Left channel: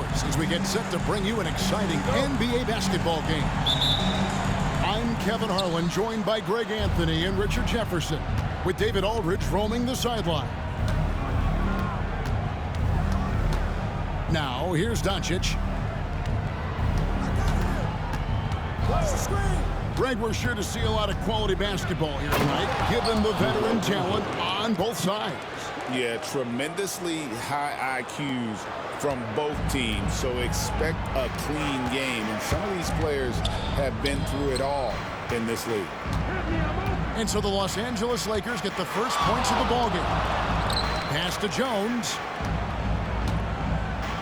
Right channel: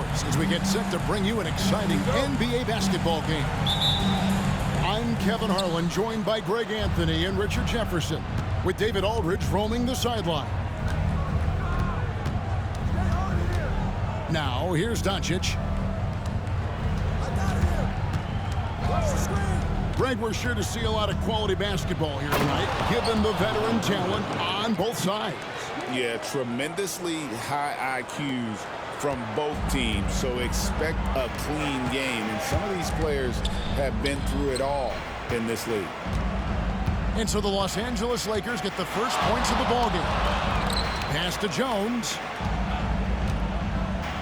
outdoors as we get set to bring you an exciting NBA basketball game. I'm Kevin Harlan, joined by Greg Anthony and Richard Jefferson, with David Aldridge roaming the sideline. Now, here's Doncic. Greg, we're sure to see a lot of quality basketball here tonight, given the veteran talent on both sides. Yeah, tremendously high IQs from both teams, so expect a clean game. And some of these players have been through it all in this league. And so the Los Angeles Lakers get the first points of the ballgame. Pass to Jones.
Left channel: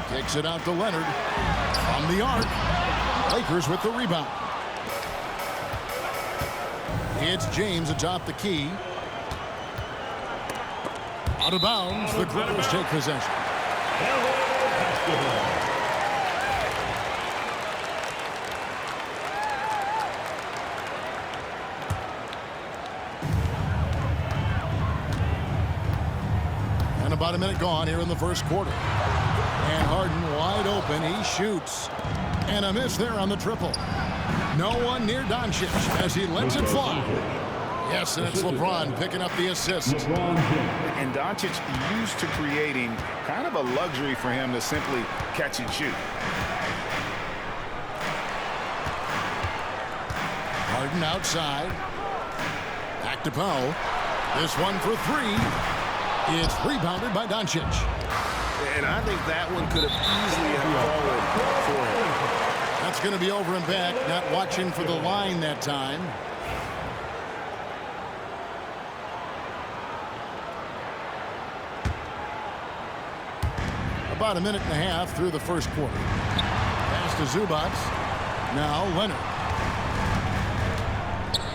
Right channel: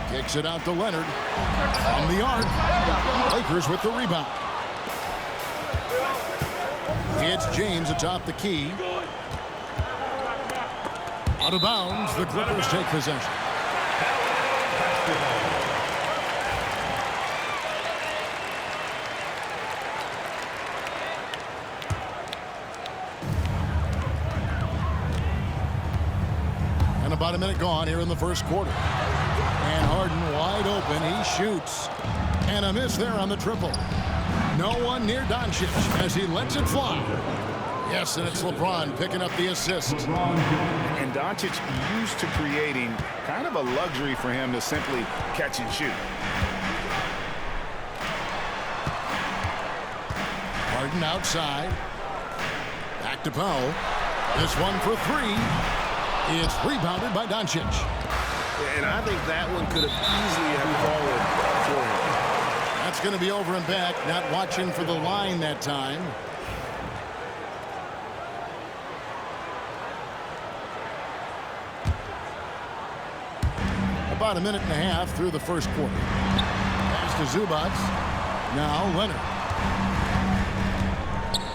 Kicks it out to Leonard. From the arc. Lakers with the rebound. It's James atop the key. Out of bounds, the Clippers take possession. And about a minute gone here in the first quarter. And Harden wide open. He shoots. And a miss there on the triple. No one near Doncic as he lets it fly. Yes, and it's LeBron picking up the assist. And Doncic used to creating kind of a luxury for him to simply catch and shoot. Harden outside. Back to Powell. This one for three. It's rebounded by Doncic. And I think that one could have easily have fallen for him. That's going to be over and back. Not watching for the line that time. About a minute and a half through the first quarter. Pass to Zubac. Now Leonard.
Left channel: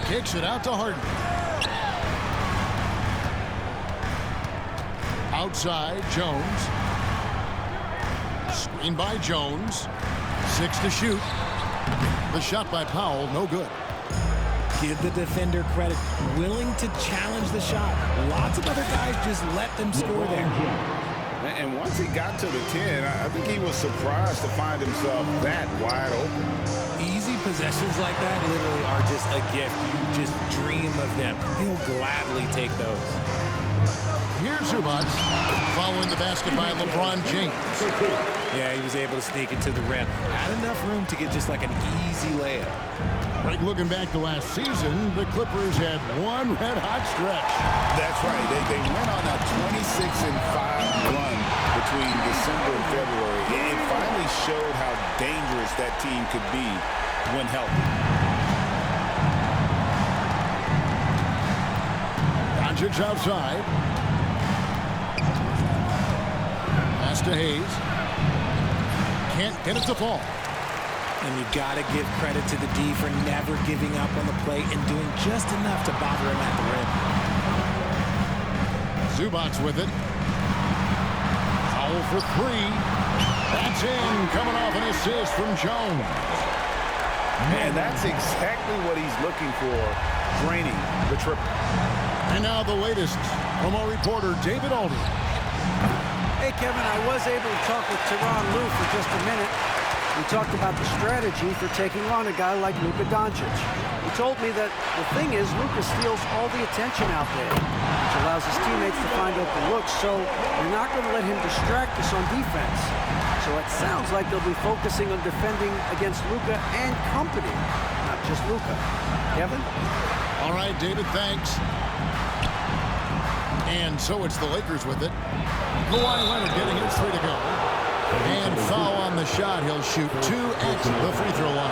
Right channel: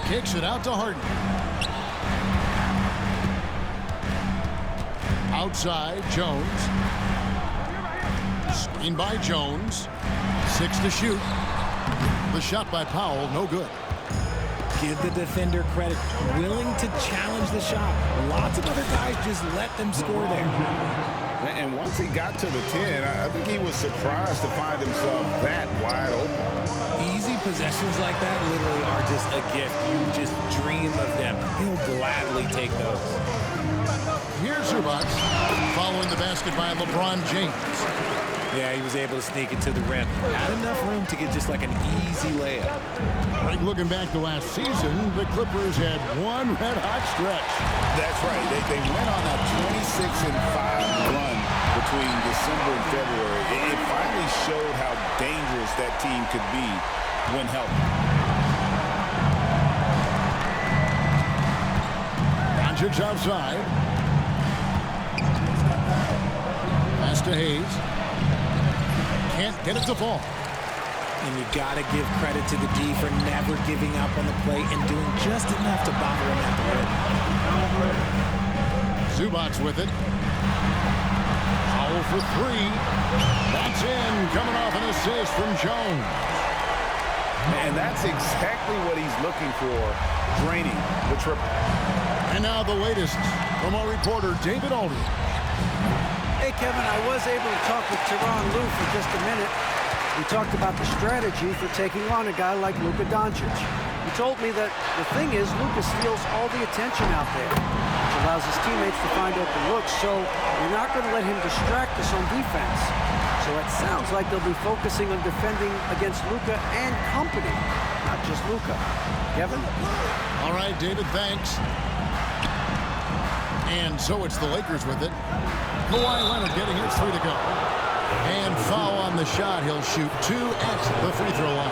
Kicks it out to Harden. Outside, Jones. Screen by Jones. 6 to shoot. The shot by Powell, no good. Give the defender credit. Willing to challenge the shot. Lots of other guys just let them score there. And once he got to the 10, I think he was surprised to find himself that wide open. Easy possessions like that literally are just a gift. You just dream of them. He'll gladly take those. Here's Zubac, following the basket by LeBron James. Yeah, he was able to sneak it to the rim. Had enough room to get just like an easy layup. Right, looking back to last season, the Clippers had one red-hot stretch. That's right. They went on a 26-5 run between December and February. It finally showed how dangerous that team could be when healthy. Doncic outside. Pass to Hayes. Can't get it to fall. And you got to give credit to the D for never giving up on the play and doing just enough to bother him at the rim. Zubac with it. Powell for three. That's in, coming off an assist from Jones. And that's exactly what he's looking for, draining the triple. And now the latest from our reporter, David Aldridge. Hey, Kevin, I was able to talk with Tyronn Lue for just a minute. We talked about the strategy for taking on a guy like Luka Doncic. He told me that the thing is Luka steals all the attention out there, which allows his teammates to find open looks, so we're not going to let him distract us on defense. So it sounds like they'll be focusing on defending against Luka and company, not just Luka. Kevin? All right, David, thanks. And so it's the Lakers with it. Kawhi Leonard getting his three to go. And foul on the shot. He'll shoot 2 at the free throw line.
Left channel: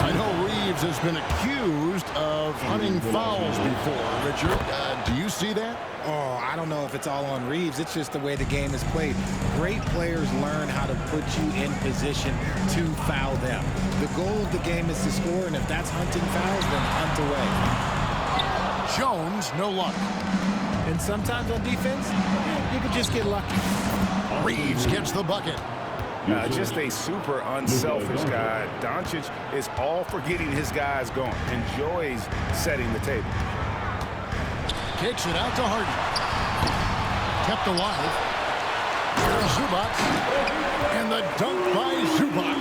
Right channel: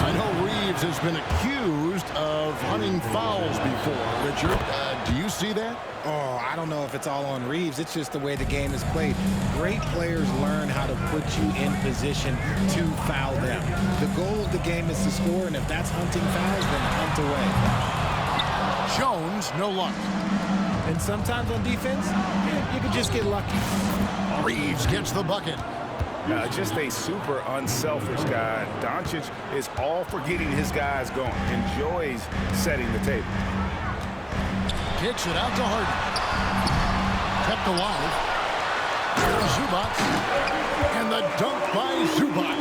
I know Reeves has been accused of hunting fouls before. Richard, do you see that? Oh, I don't know if it's all on Reeves. It's just the way the game is played. Great players learn how to put you in position to foul them. The goal of the game is to score, and if that's hunting fouls, then hunt away. Jones, no luck. And sometimes on defense, you could just get lucky. Reeves gets the bucket. Just a super unselfish guy. Doncic is all for getting his guys going. Enjoys setting the table. Kicks it out to Harden. Kept alive. Here's Zubac. And the dunk by Zubac.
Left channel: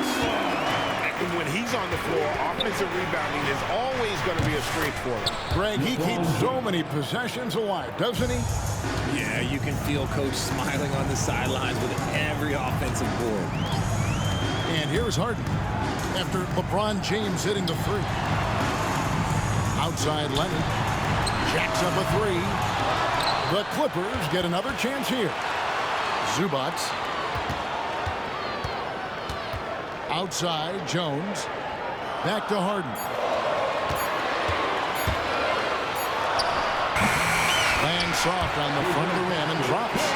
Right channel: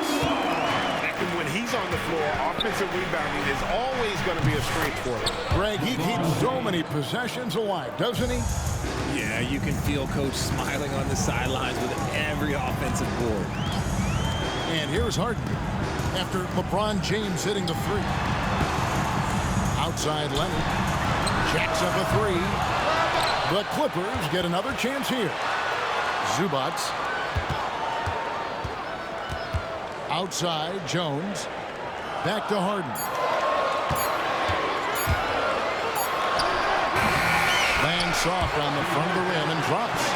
And when he's on the floor, offensive rebounding is always going to be a strength for him. Greg, he keeps so many possessions alive, doesn't he? Yeah, you can feel Coach smiling on the sidelines with every offensive board. And here's Harden after LeBron James hitting the three. Outside Leonard. Jacks up a three. The Clippers get another chance here. Zubac. Outside, Jones. Back to Harden. Lands soft on the front of the rim and drops.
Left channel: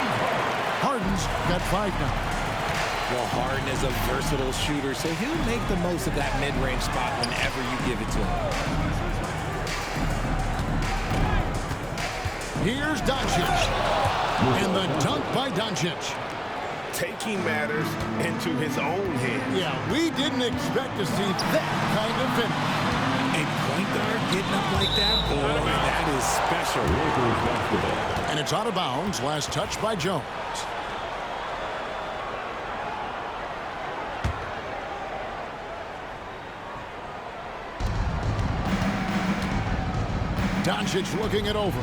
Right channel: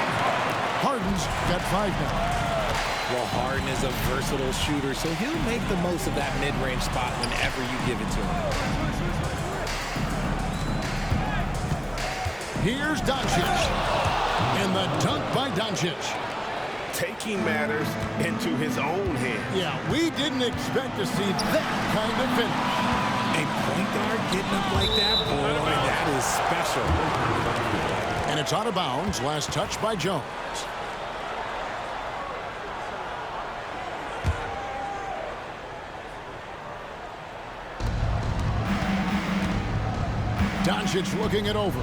Harden's got 5 now. Well, Harden is a versatile shooter, so he'll make the most of that mid-range spot whenever you give it to him. Here's Doncic. And the dunk by Doncic. Taking matters into his own hands. Yeah, we didn't expect to see that kind of finish. A point guard getting up like that, boy, that is special. And it's out of bounds. Last touch by Jones. Doncic looking it over.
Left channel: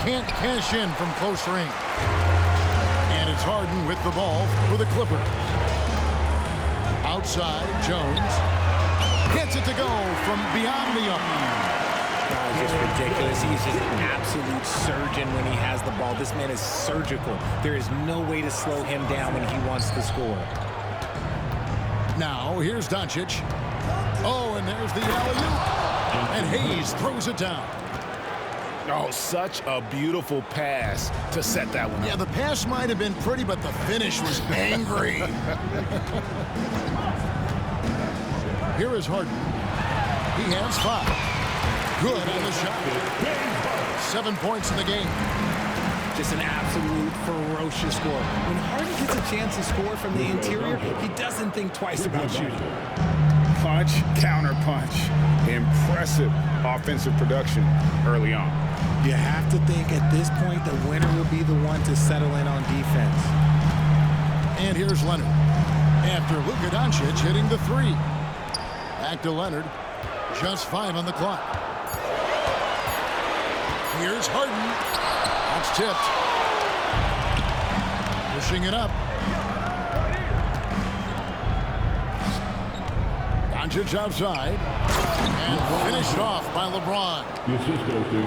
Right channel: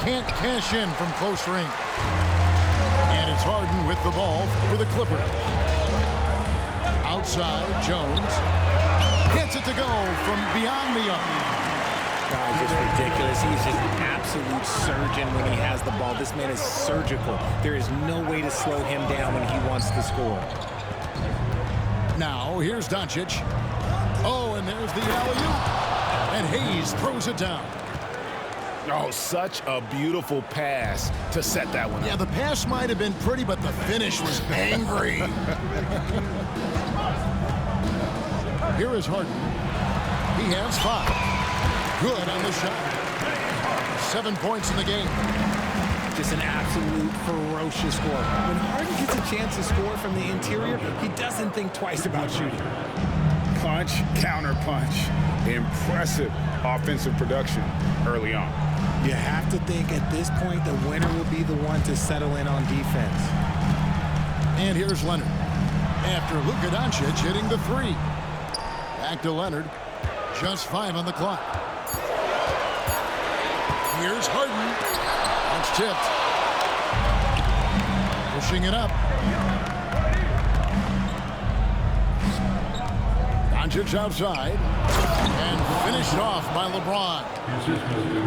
Can't cash in from close range. And it's Harden with the ball for the Clippers. Outside, Jones. Gets it to go from beyond the arc. It's just ridiculous. He's just an absolute surgeon when he has the ball. This man is surgical. There is no way to slow him down when he wants to score. Now, here's Doncic. Oh, and there's the alley-oop. And Hayes throws it down. Oh, such a beautiful pass to set that one up. Yeah, the pass might have been pretty, but the finish was angry. Here is Harden. He has 5. Good on the shot. 7 points in the game. Just an absolute ferocious score. When Harden gets a chance to score from the interior, he doesn't think twice about shooting. Punch, counter punch. Impressive offensive production early on. You have to think at this point the winner will be the one to settle in on defense. And here's Leonard. After Luka Doncic hitting the 3. Back to Leonard. Just 5 on the clock. Here's Harden. That's tipped. Pushing it up. Doncic outside. And finished off by LeBron.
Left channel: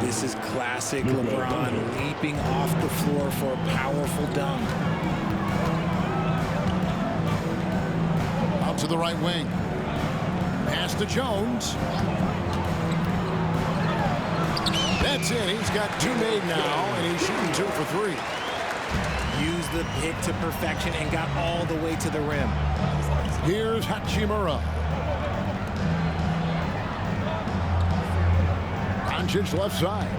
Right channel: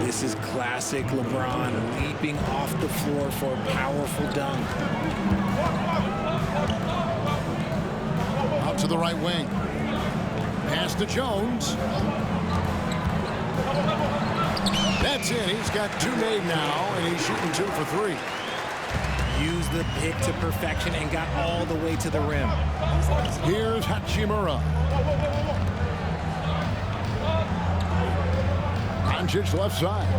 This is classic LeBron, leaping off the floor for a powerful dunk. Out to the right wing. Pass to Jones. That's it. He's got 2 made now, and he's shooting 2 for 3. Used the pick to perfection and got all the way to the rim. Here's Hachimura. Doncic left side.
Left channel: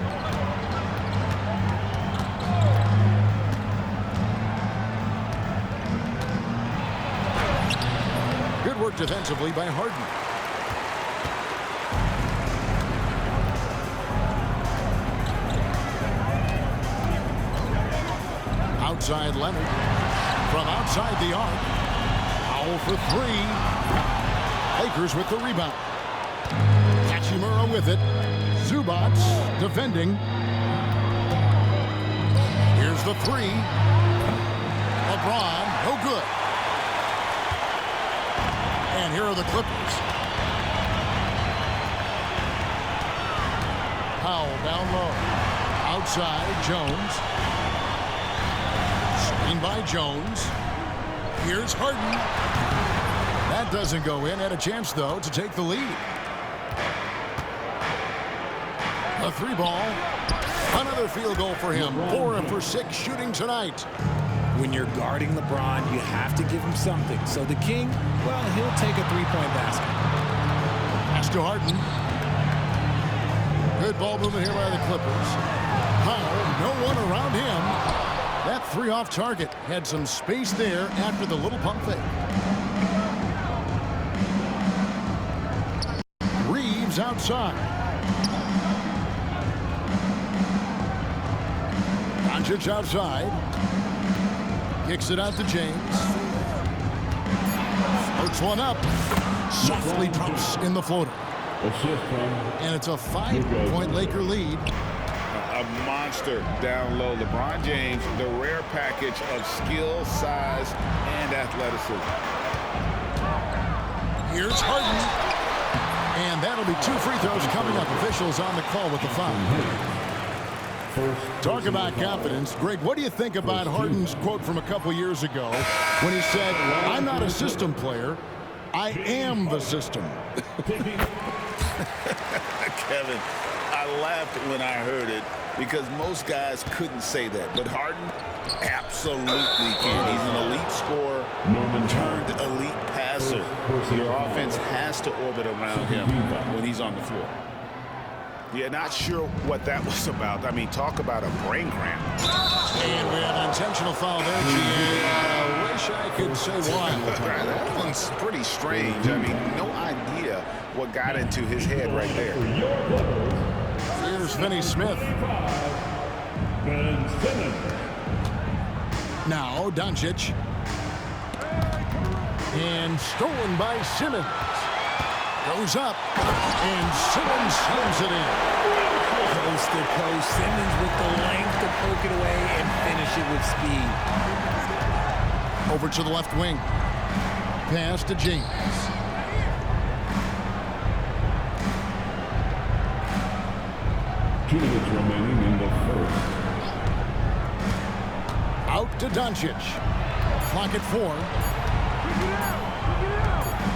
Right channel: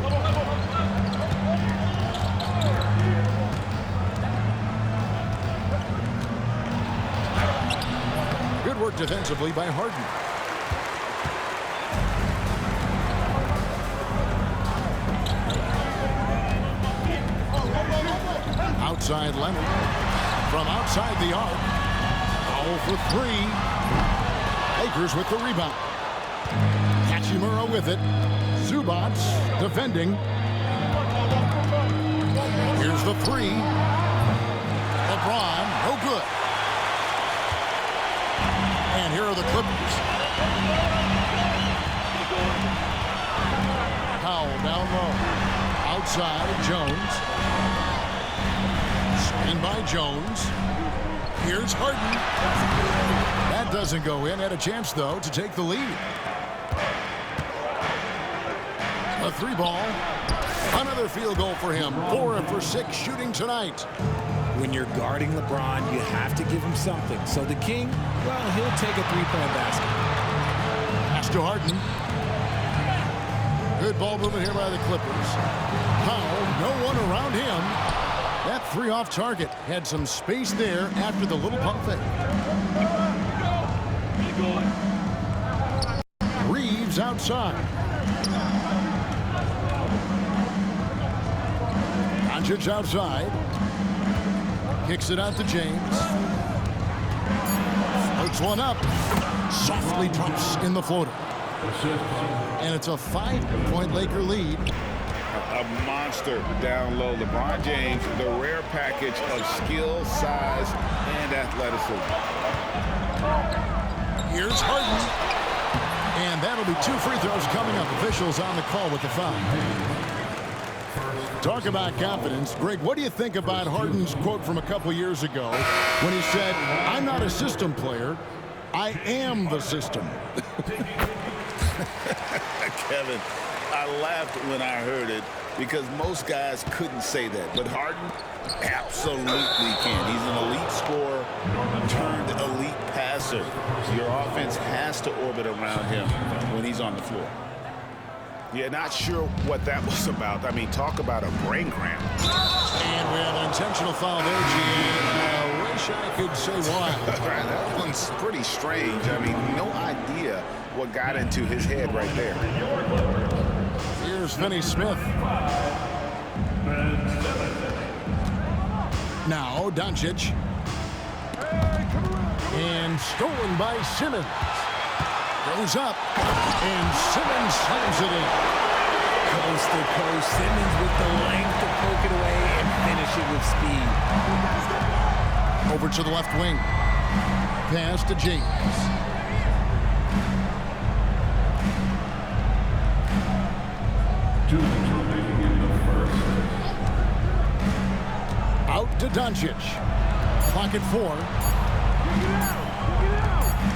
Good work defensively by Harden. Outside Leonard. From outside the arc. Foul for 3. Lakers with the rebound. Hachimura with it. Zubac defending. Here's the 3. LeBron, no good. And here are the Clippers. Powell down low. Outside, Jones. Screen by Jones. Here's Harden. That doesn't go in. Had a chance, though, to take the lead. A 3 ball. Another field goal for him. 4 for 6 shooting tonight. When you're guarding LeBron, you have to give him something. So the King, well, he'll take a 3-point basket. Pass to Harden. Good ball movement here by the Clippers. Powell, no one around him. That 3 off target. Had some space there after the little pump fake. Reeves outside. Doncic outside. Kicks it out to James. Floats one up. Softly drops in the floater. And it's a 5-point Laker lead. A monster down low. LeBron James, the rare package of skill, size, and athleticism. Here's Harden. And that'll be 2 free throws coming up. Officials on the call with the foul. Talk about confidence. Greg, what do you think about Harden's quote from a couple years ago when he said, "I'm not a system player, I am the system"? Kevin, I laughed when I heard it because most guys couldn't say that. But Harden absolutely can. He's an elite scorer turned elite passer. Your offense has to orbit around him when he's on the floor. Yeah, not sure what that was about. I mean, talk about a brain cramp. And we have an intentional foul there, GA. Wish I could say why. That one's pretty strange. I mean, no idea what got into his head right there. Here's Finney Smith. Now Doncic. And stolen by Simmons. Goes up. And Simmons slams it in. Coast to coast. Simmons with the length to poke it away and finish it with speed. Over to the left wing. Pass to James. Two minutes remaining in the first. Out to Doncic. Clock at 4.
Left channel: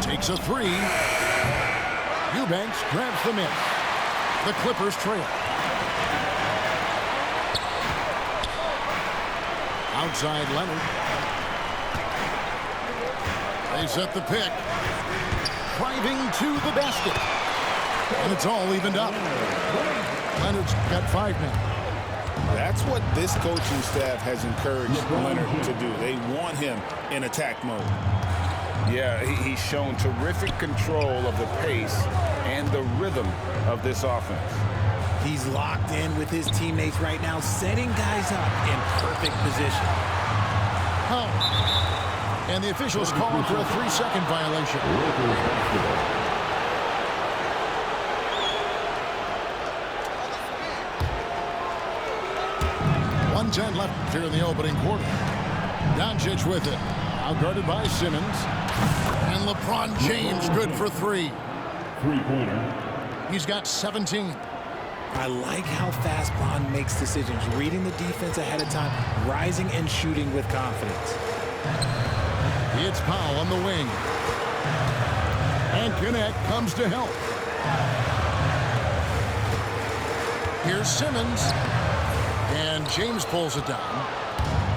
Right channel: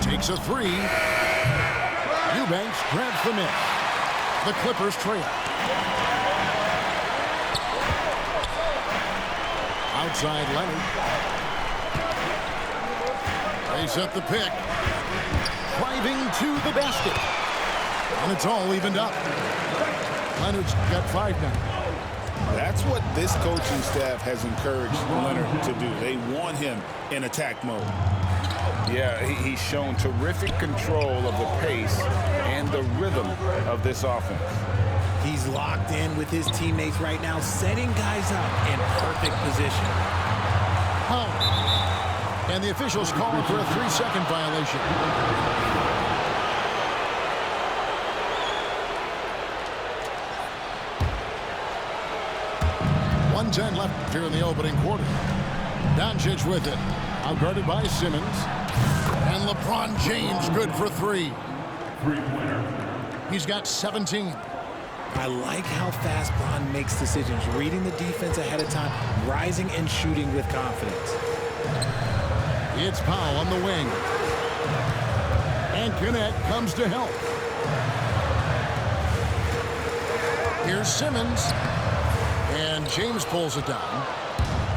Takes a 3. Eubanks grabs the miss. The Clippers trail. Outside Leonard. They set the pick. Driving to the basket. And it's all evened up. Leonard's got 5 now. That's what this coaching staff has encouraged Leonard to do. They want him in attack mode. Yeah, he's shown terrific control of the pace and the rhythm of this offense. He's locked in with his teammates right now, setting guys up in perfect position. How? And the officials calling for a 3-second violation. 1:10 left here in the opening quarter. Doncic with it. Outguarded by Simmons. And LeBron James good for 3. Three-pointer. He's got 17. I like how fast Bron makes decisions, reading the defense ahead of time, rising and shooting with confidence. It's Powell on the wing. And Connect comes to help. Here's Simmons. And James pulls it down.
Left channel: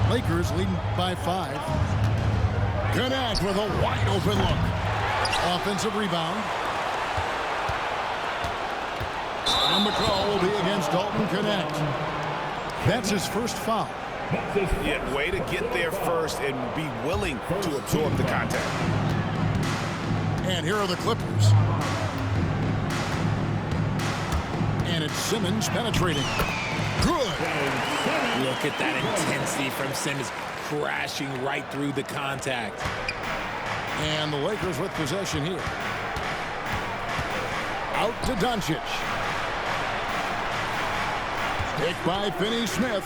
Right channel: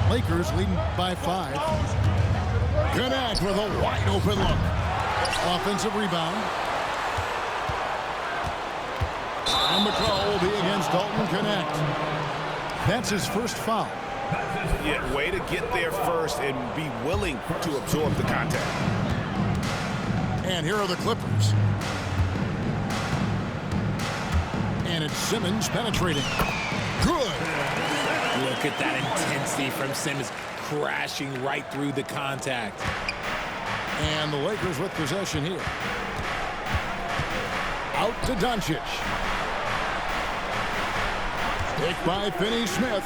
Lakers leading by 5. Connect with a wide open look. Offensive rebound. And the call will be against Dalton Connect. That's his first foul. Yeah, way to get there first and be willing to absorb the contact. And here are the Clippers. And it's Simmons penetrating. Good. Look at that intensity from Simmons, crashing right through the contact. And the Lakers with possession here. Out to Doncic. Picked by Finney Smith.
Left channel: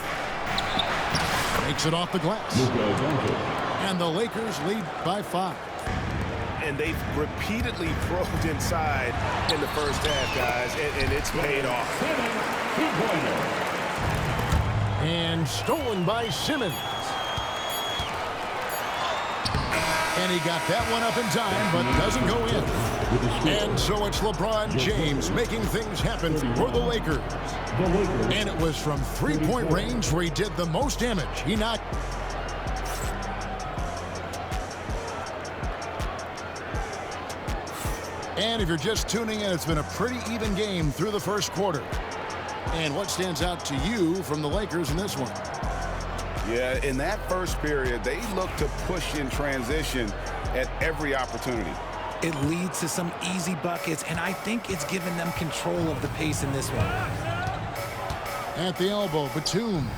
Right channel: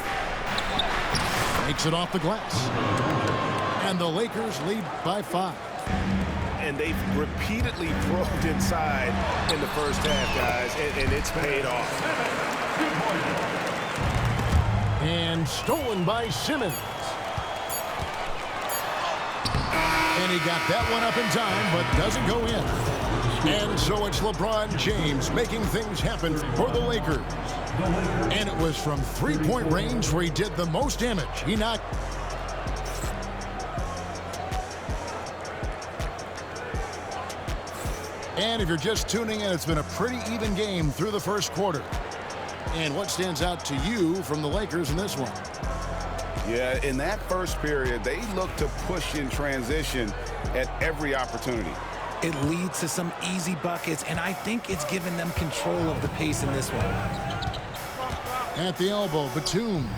Makes it off the glass. And the Lakers lead by 5. And they've repeatedly probed inside in the first half, guys, and it's paid off. And stolen by Simmons. And he got that one up in time, but doesn't go in. And so it's LeBron James making things happen for the Lakers. And it was from 3-point range where he did the most damage. He knocked. And if you're just tuning in, it's been a pretty even game through the first quarter. And what stands out to you from the Lakers in this one? Yeah, in that first period, they looked to push in transition at every opportunity. It leads to some easy buckets, and I think it's given them control of the pace in this one. At the elbow, Batum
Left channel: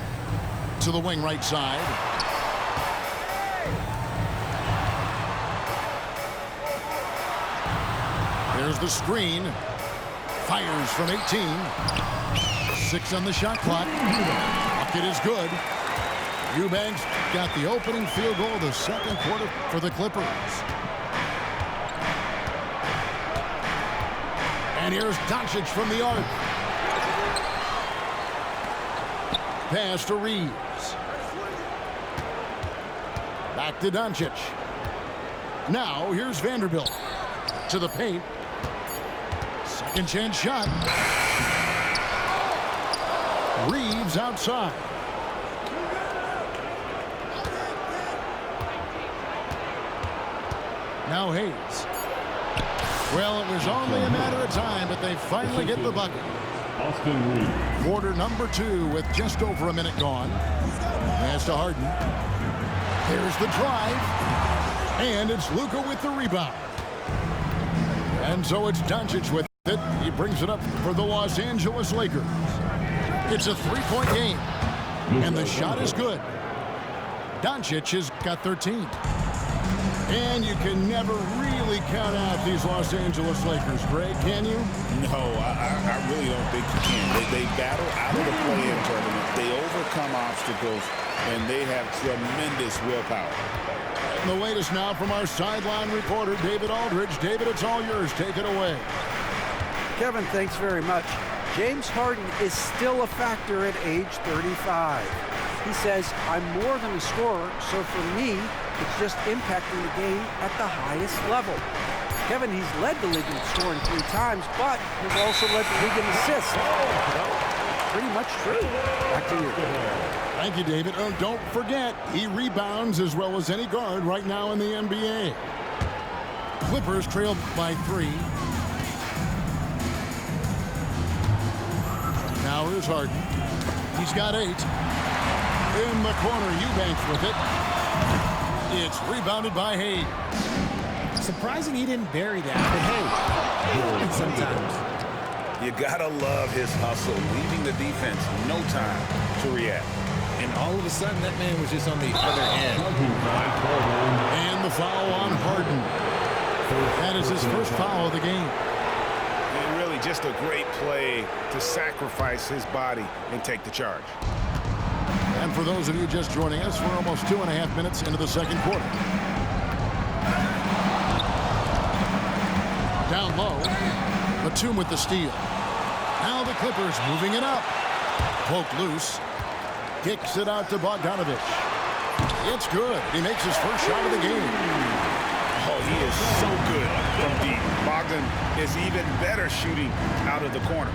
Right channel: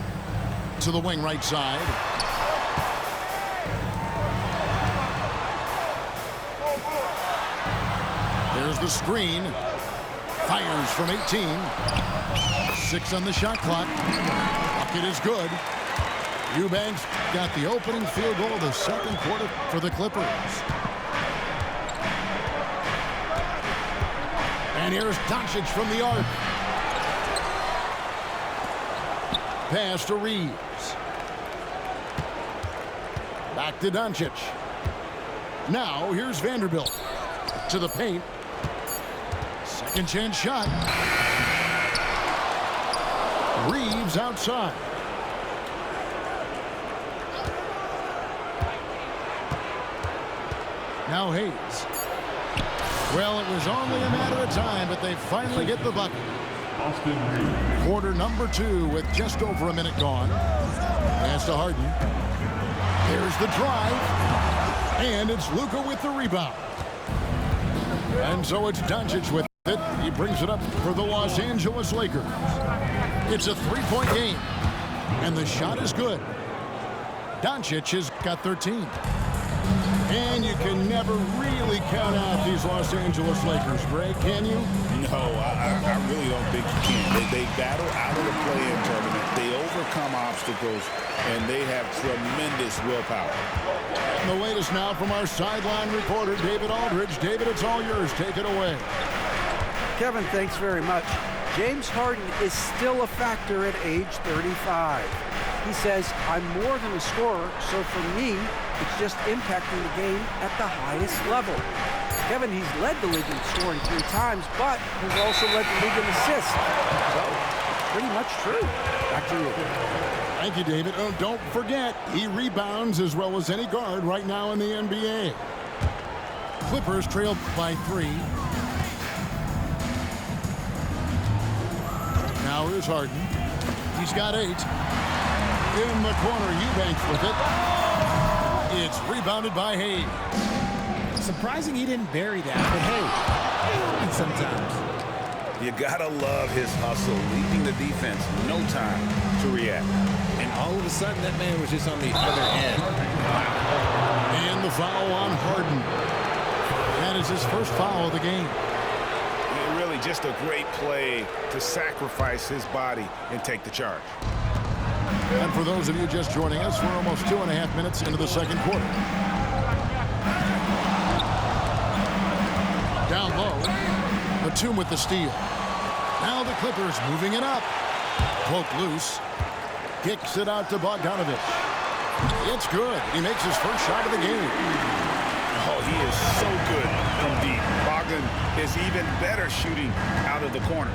to the wing right side. There's the screen. Fires from 18. 6 on the shot clock. Bucket is good. Eubanks got the opening field goal of the second quarter for the Clippers. And here's Doncic from the arc. Pass to Reeves. Back to Doncic. Now here's Vanderbilt. To the paint. Second chance shot. Reeves outside. Now Hayes. Well, it was only a matter of time, but they finally get the bucket. Austin Reeves. Quarter number 2 with just over a minute gone. Pass to Harden. Here's the drive. And it's Luka with the rebound. And so it's Doncic with it. He brings it up for the Los Angeles Lakers. It's a 3-point game. And the shot is good. Doncic has got 13. And you can never really count out these Los Angeles Lakers, Greg, can you? No, I really don't think you can. They battle out of the play-in tournament. They overcome obstacles, and they have tremendous willpower. And the latest now from our sideline reporter, David Aldridge. David, it's all yours. Take it away. Kevin, thanks very much. James Harden is still a factor at age 35. He says, I'm more than a scorer, so for me, it's just impacting the game at the highest level. Kevin, he's led the league in scoring 3 times, but has also led the league in assists. So, pretty much true. Back to you. Thank you, David. Oh, don't forget, he rebounds as well as any guard right now in the NBA. Clippers trail by 3. Now here's Harden. He's got 8. In the corner, Eubanks with it. It's rebounded by Hayes. Surprising he didn't bury that, but hey, it happens sometimes. You gotta love his hustle, leaving the defense no time to react. And all of a sudden, that man was just on the other end. Wow. And the foul on Harden. That is his first foul of the game. And really just a great play to sacrifice his body and take the charge. And for those of you just joining us, we're almost 2.5 minutes into the second quarter. Down low, Batum with the steal. Now the Clippers moving it up. Poke loose. Kicks it out to Bogdanovich. It's good. He makes his first shot of the game. Oh, he is so good from deep. Bogdan is even better shooting out of the corner.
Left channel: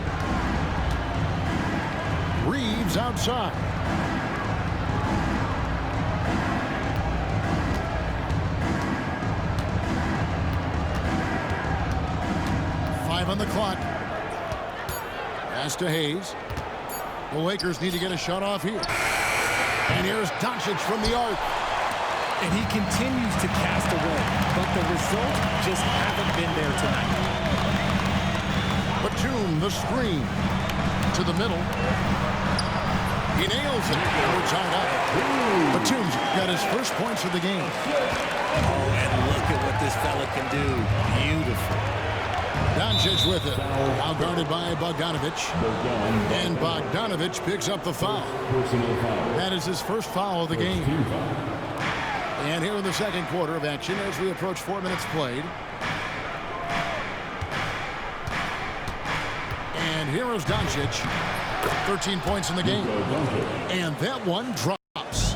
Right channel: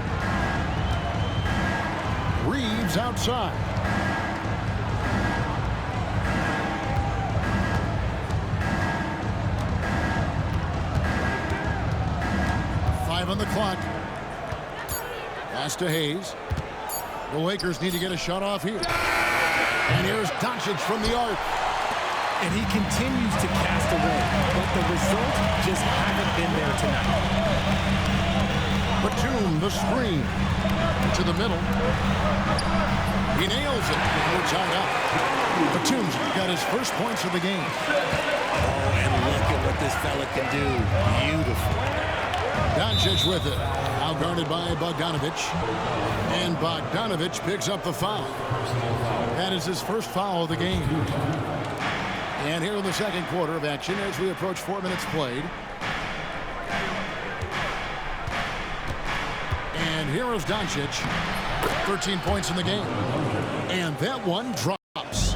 Reeves outside. On the clock. Pass to Hayes. The Lakers need to get a shot off here. And here's Doncic from the arc. And he continues to cast away, but the results just haven't been there tonight. Batum, the screen. To the middle. He nails it, and we're tied up. Batum's got his first points of the game. Oh, and look at what this fella can do. Beautiful. Doncic with it. Now guarded by Bogdanovich. And Bogdanovich picks up the foul. That is his first foul of the game. And here in the second quarter of action as we approach 4 minutes played. And here is Doncic. 13 points in the game. And that one drops.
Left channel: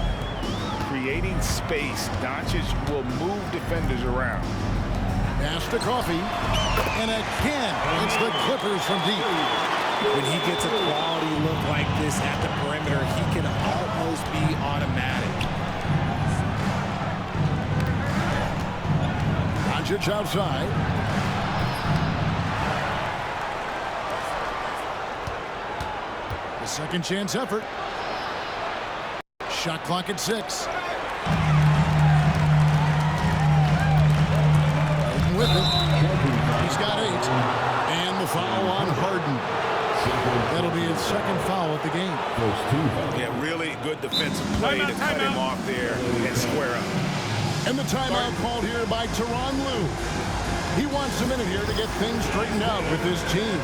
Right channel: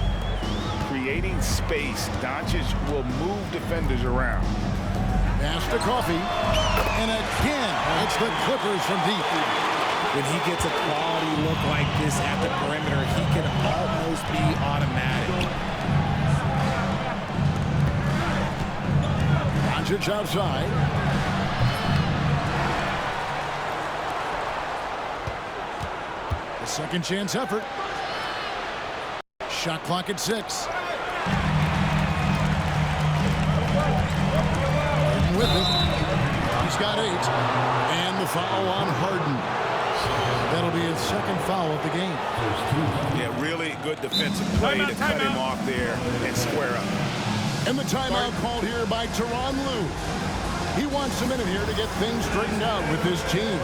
Creating space, Doncic will move defenders around. Pass to Coffee. And again, it's the Clippers from deep. When he gets a quality look like this at the perimeter, he can almost be automatic. Doncic outside. The second chance effort. Shot clock at 6. With it. He's got 8. And the foul on Harden. That'll be his second foul of the game. Yeah, really good defensive play to cut him off there and square up. And the timeout called here by Tyronn Lue. He wants a minute here to get things straightened out with his team.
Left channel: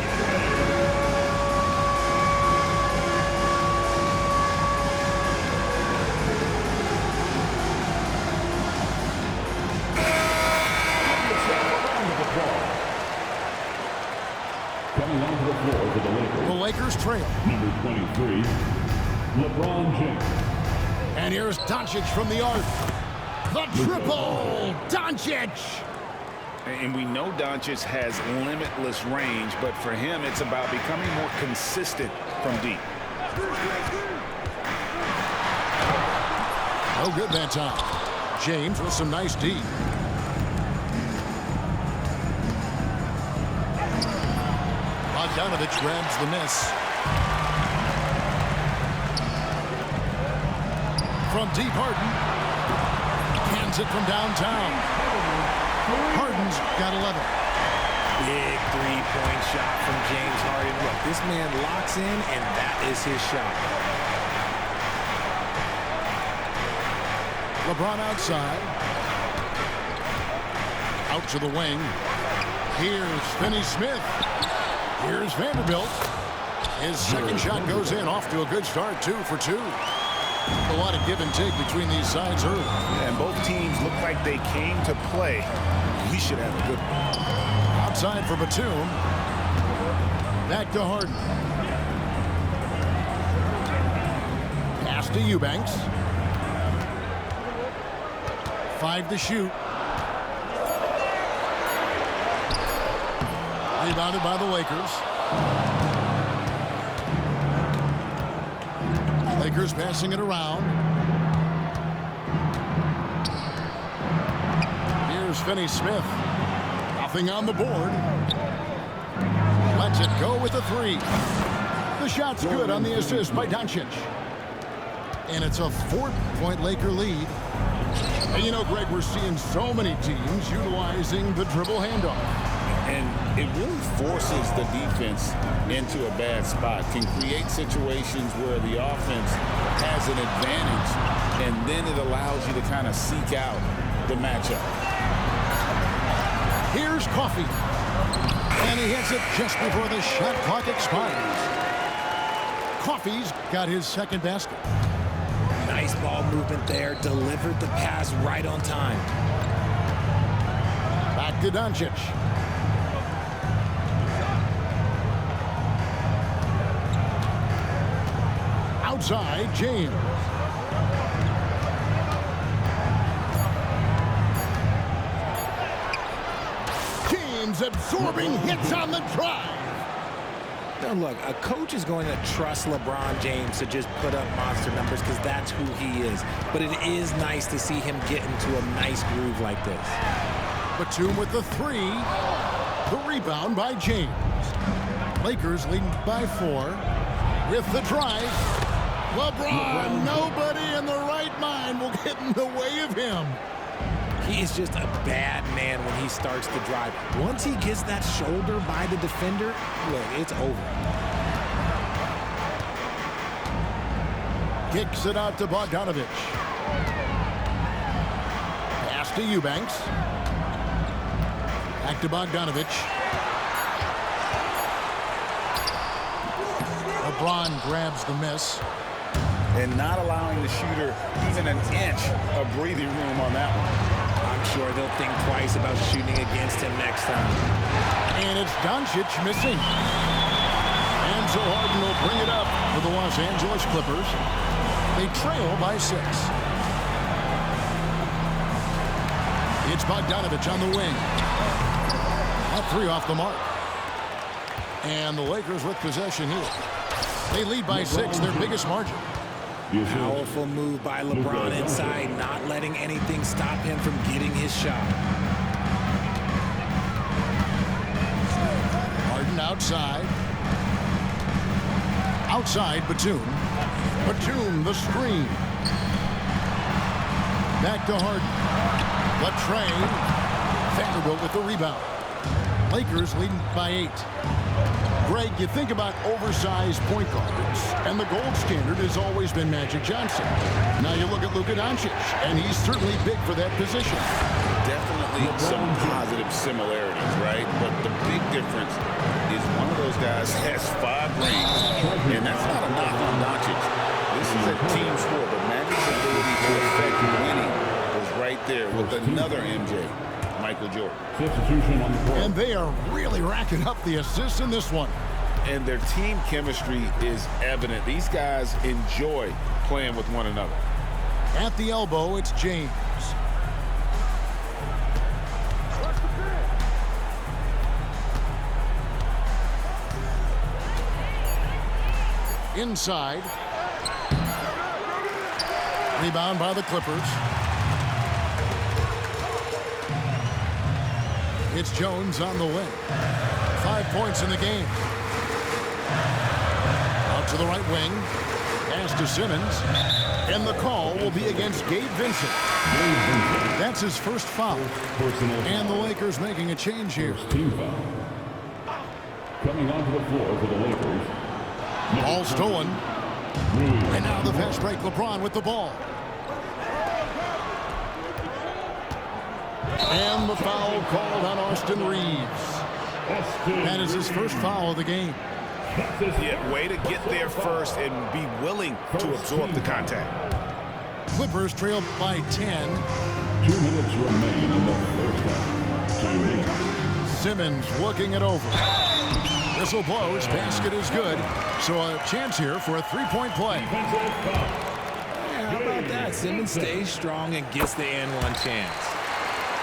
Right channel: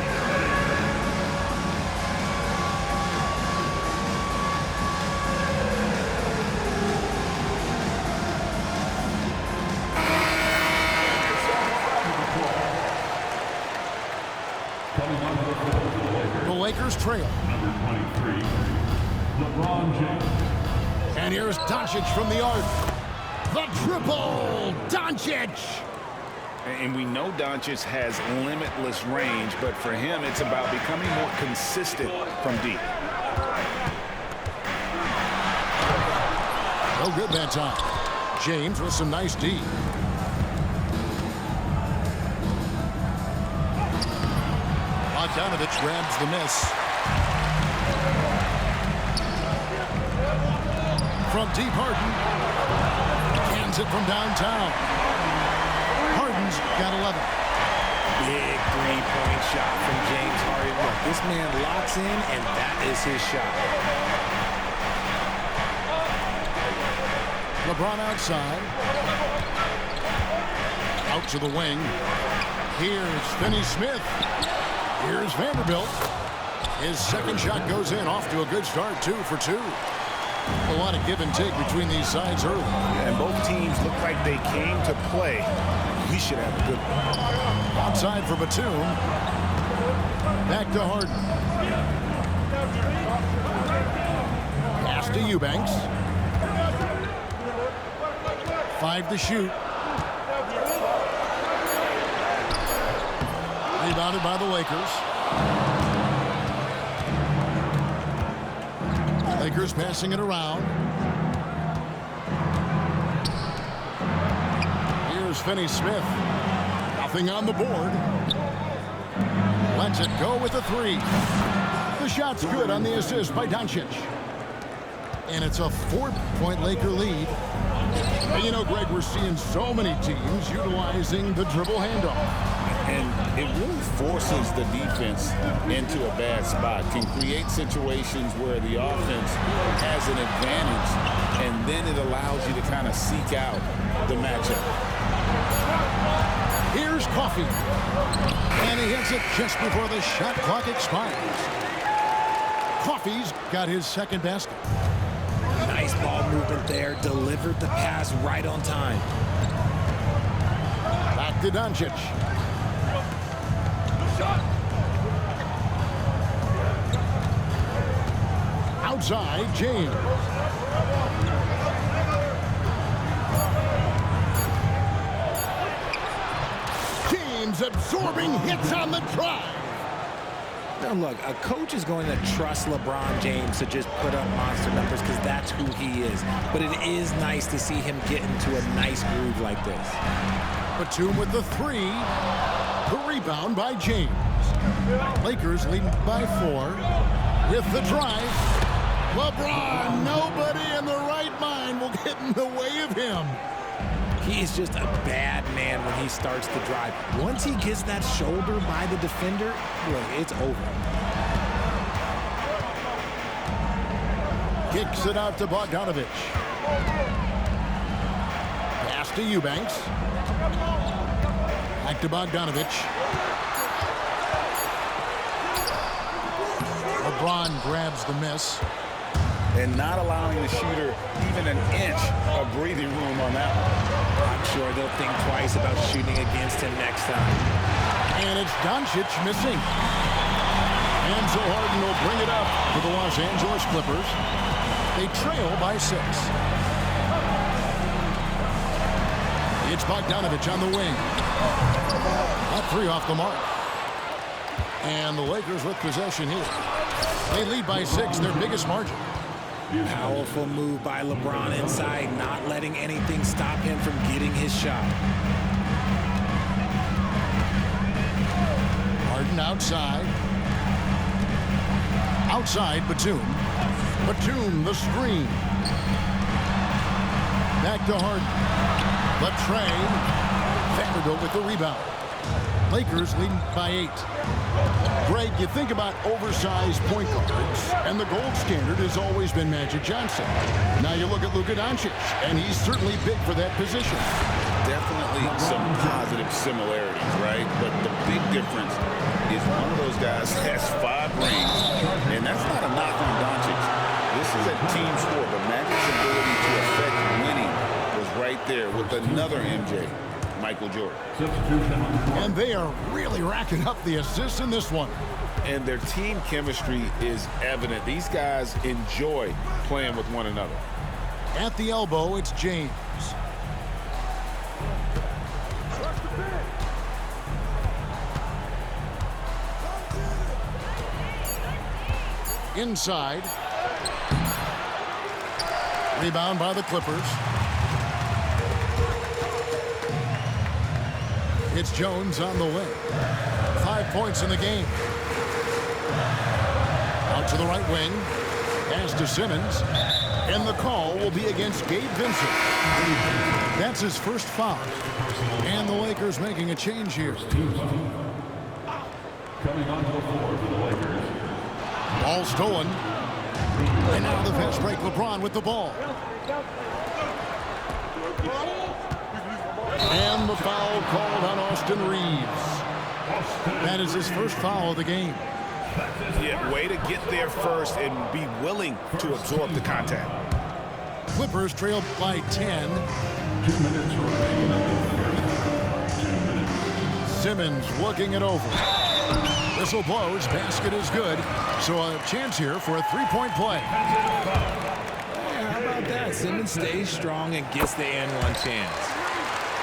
Coming onto the floor for the Lakers. The Lakers trail. Number 23, LeBron James. And here's Doncic from the arc. The triple! Doncic! And we know Doncic has limitless range, but for him, it's about becoming more consistent from deep. No good that time. James with some nice D. Bogdanovich grabs the miss. From deep, Harden. Cans it from downtown. Harden's got 11. Big three-point shot from James Harden. Look, this man locks in, and that is his shot. LeBron outside. Out to the wing. Here's Finney-Smith. Here's Vanderbilt. His second shot goes in, off to a good start, 2 for 2. A lot of give and take between these sides early. Yeah, and both teams look like they came to play. We should have a good one. Outside for Batum. Back to Harden. Pass to Eubanks. 5 to shoot. Rebounded by the Lakers. Lakers passing it around. Here's Finney-Smith. Nothing on the board. Lets it go with a 3. The shot's good on the assist by Doncic. And it's a 4-point Laker lead. And you know, Greg, we're seeing so many teams utilizing the dribble handoff. And it really forces the defense into a bad spot, can create situations where the offense has an advantage, and then it allows you to kind of seek out the matchup. Here's Coffey. And he hits it just before the shot clock expires. Coffey's got his second basket. Nice ball movement there. Delivered the pass right on time. Back to Doncic. Outside, James. James absorbing hits on the drive. Now, look, a coach is going to trust LeBron James to just put up monster numbers because that's who he is. But it is nice to see him get into a nice groove like this. Batum with the 3. The rebound by James. Lakers leading by 4. With the drive. LeBron, nobody in the right mind will get in the way of him. He is just a bad man when he starts to drive. Once he gets that shoulder by the defender, look, it's over. Kicks it out to Bogdanovich. Pass to Eubanks. Back to Bogdanovich. LeBron grabs the miss. And not allowing the shooter even an inch of breathing room on that one. I'm sure they'll think twice about shooting against him next time. And it's Doncic missing. And so Harden will bring it up for the Los Angeles Clippers. They trail by 6. It's Bogdanovich on the wing. That 3 off the mark. And the Lakers with possession here. They lead by 6, their biggest margin. Powerful move by LeBron inside, not letting anything stop him from getting his shot. Harden outside. Outside, Batum. Batum, the screen. Back to Harden. The tray. Vanderbilt with the rebound. Lakers leading by 8. Greg, you think about oversized point guards, and the gold standard has always been Magic Johnson. Now you look at Luka Doncic, and he's certainly big for that position. definitely some positive similarities, right? But the big difference is one of those guys has 5 rings, and that's not a knock on Doncic. This is a team sport, but Magic's ability to affect winning was right there with another MJ, Michael Jordan. Substitution on the court. And they are really racking up the assists in this one. And their team chemistry is evident. These guys enjoy playing with one another. At the elbow, it's James. Inside. Rebound by the Clippers. It's Jones on the wing. 5 points in the game. Out to the right wing. Pass to Simmons. And the call will be against Gabe Vincent. That's his first foul. And the Lakers making a change here. Team foul. Coming onto the floor for the Lakers. Ball stolen. And now the fast break. LeBron with the ball. And the foul called on Austin Reeves. That is his first foul of the game. Yeah, way to get there first and be willing to absorb the contact. Clippers trail by 10. 2 minutes remain in the first half. 2 minutes. Simmons looking it over. Whistle blows. Basket is good. So a chance here for a three-point play. Yeah, how about that? Simmons stays strong and gets the and-one chance.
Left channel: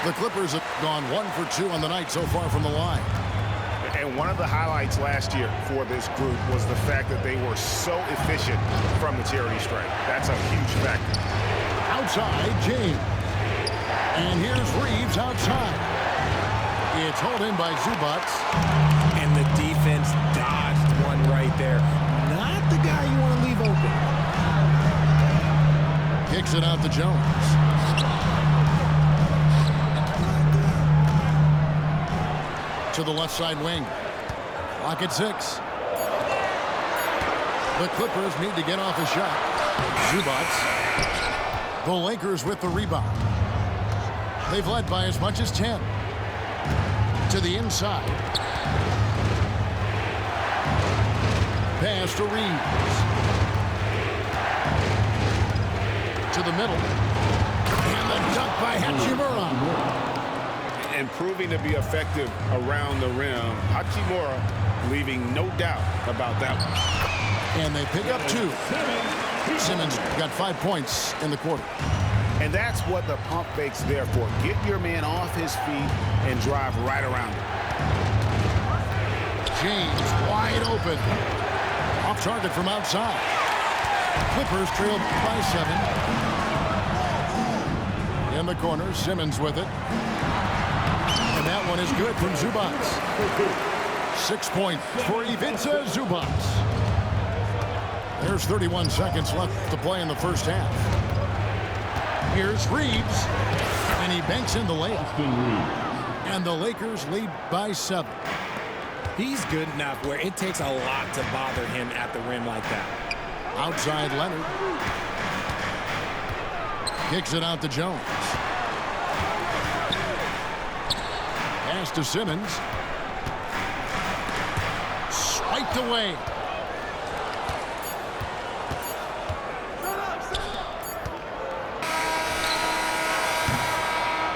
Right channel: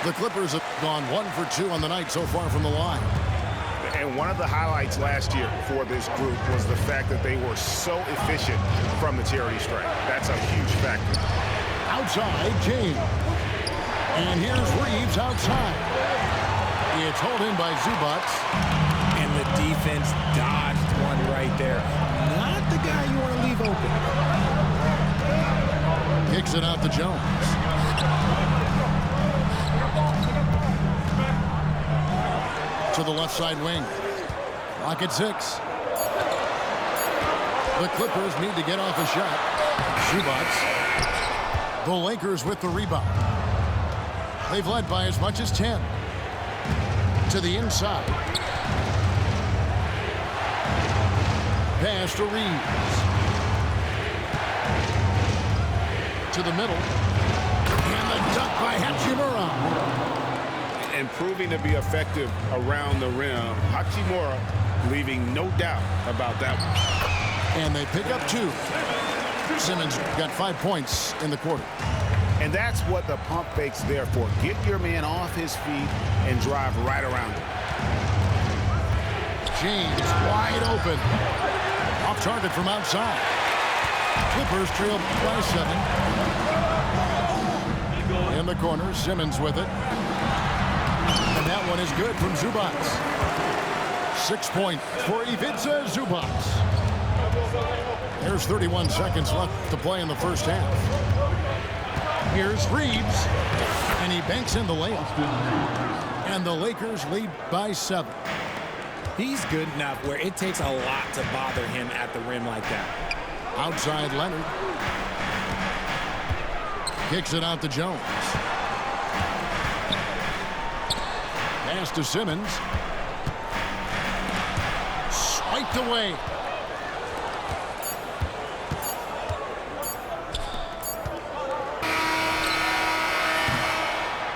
The Clippers have gone 1 for 2 on the night so far from the line. And one of the highlights last year for this group was the fact that they were so efficient from the charity stripe. That's a huge factor. Outside, James. And here's Reeves outside. It's hauled in by Zubac. And the defense dodged one right there. Not the guy you want to leave open. Kicks it out to Jones. To the left side wing. Clock at 6. The Clippers need to get off a shot. Zubac. The Lakers with the rebound. They've led by as much as 10. To the inside. Pass to Reeves. To the middle. And the dunk by Hachimura. And proving to be effective around the rim. Hachimura leaving no doubt about that one. And they pick up 2. Simmons got 5 points in the quarter. And that's what the pump fake's there for. Get your man off his feet and drive right around him. James wide open. Off target from outside. Clippers trail by 7. In the corner, Simmons with it. And that one is good from Zubac. 6 points for Ivica Zubac. There's 31 seconds left to play in the first half. Here's Reeves. And he banks in the layup. And the Lakers lead by 7. He's good enough where it takes a lot to bother him at the rim like that. Outside Leonard. Kicks it out to Jones. Pass to Simmons. Swiped away.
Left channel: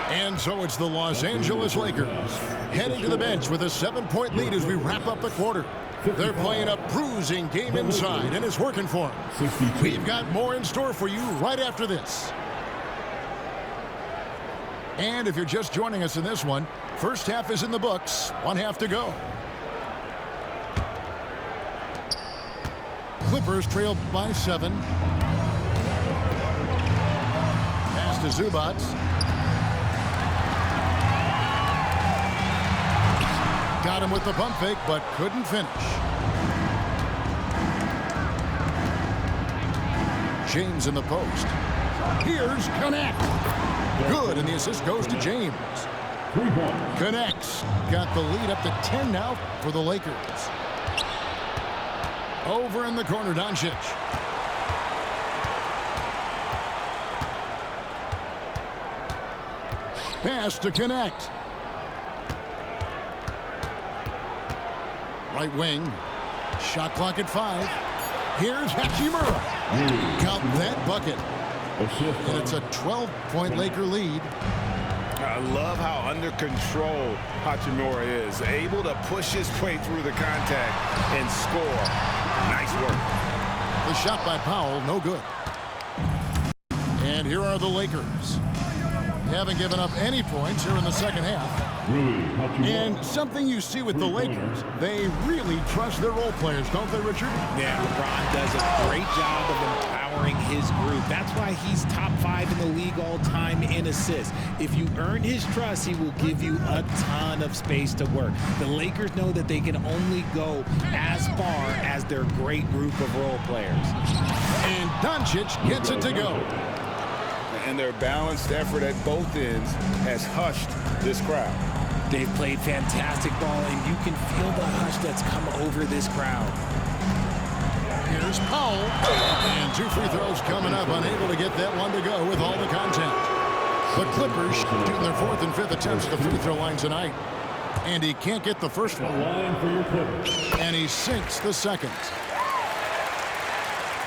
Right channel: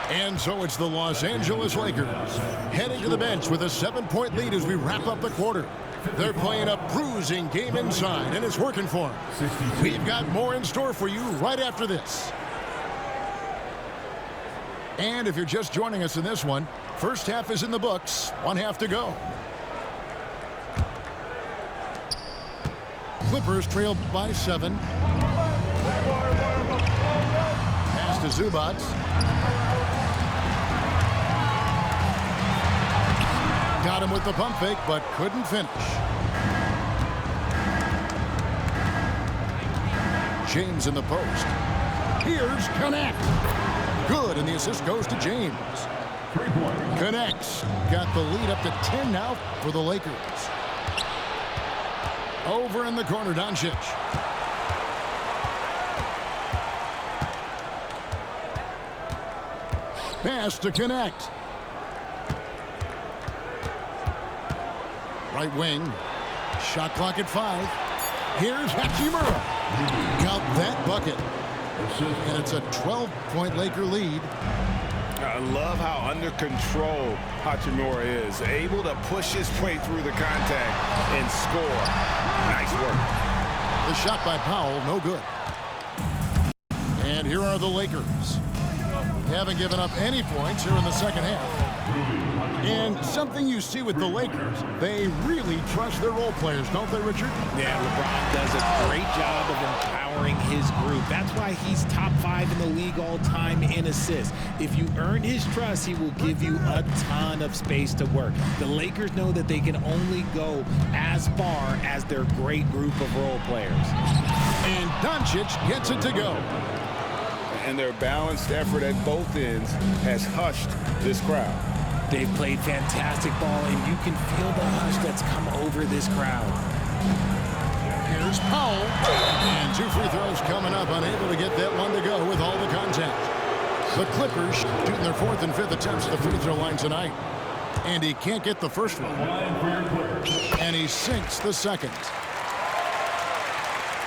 And so it's the Los Angeles Lakers heading to the bench with a 7-point lead as we wrap up the quarter. They're playing a bruising game inside, and it's working for them. We've got more in store for you right after this. And if you're just joining us in this one, first half is in the books. 1 half to go. Clippers trail by 7. Pass to Zubac. Got him with the pump fake, but couldn't finish. James in the post. Here's Connect. Good, and the assist goes to James. 3 points. Connects. Got the lead up to 10 now for the Lakers. Over in the corner, Doncic. pass to connect. Right wing. Shot clock at 5. Here's Hachimura. Count that bucket. And it's a 12-point Laker lead. I love how under control Hachimura is. Able to push his way through the contact and score. Nice work. The shot by Powell, no good. And here are the Lakers. They haven't given up any points here in the second half. And something you see with the Lakers, they really trust their role players, don't they, Richard? Yeah, LeBron does a great job of empowering his group. That's why he's top 5 in the league all time in assists. If you earn his trust, he will give you a ton of space to work. The Lakers know that they can only go as far as their great group of role players. And Doncic gets it to go. And their balanced effort at both ends has hushed this crowd. They've played fantastic ball, and you can feel the hush that's come over this crowd. Here's Powell. And 2 free throws coming up, unable to get that one to go with all the contact. The Clippers shooting their 4th and 5th attempts at the free throw line tonight. And he can't get the first one. And he sinks the second.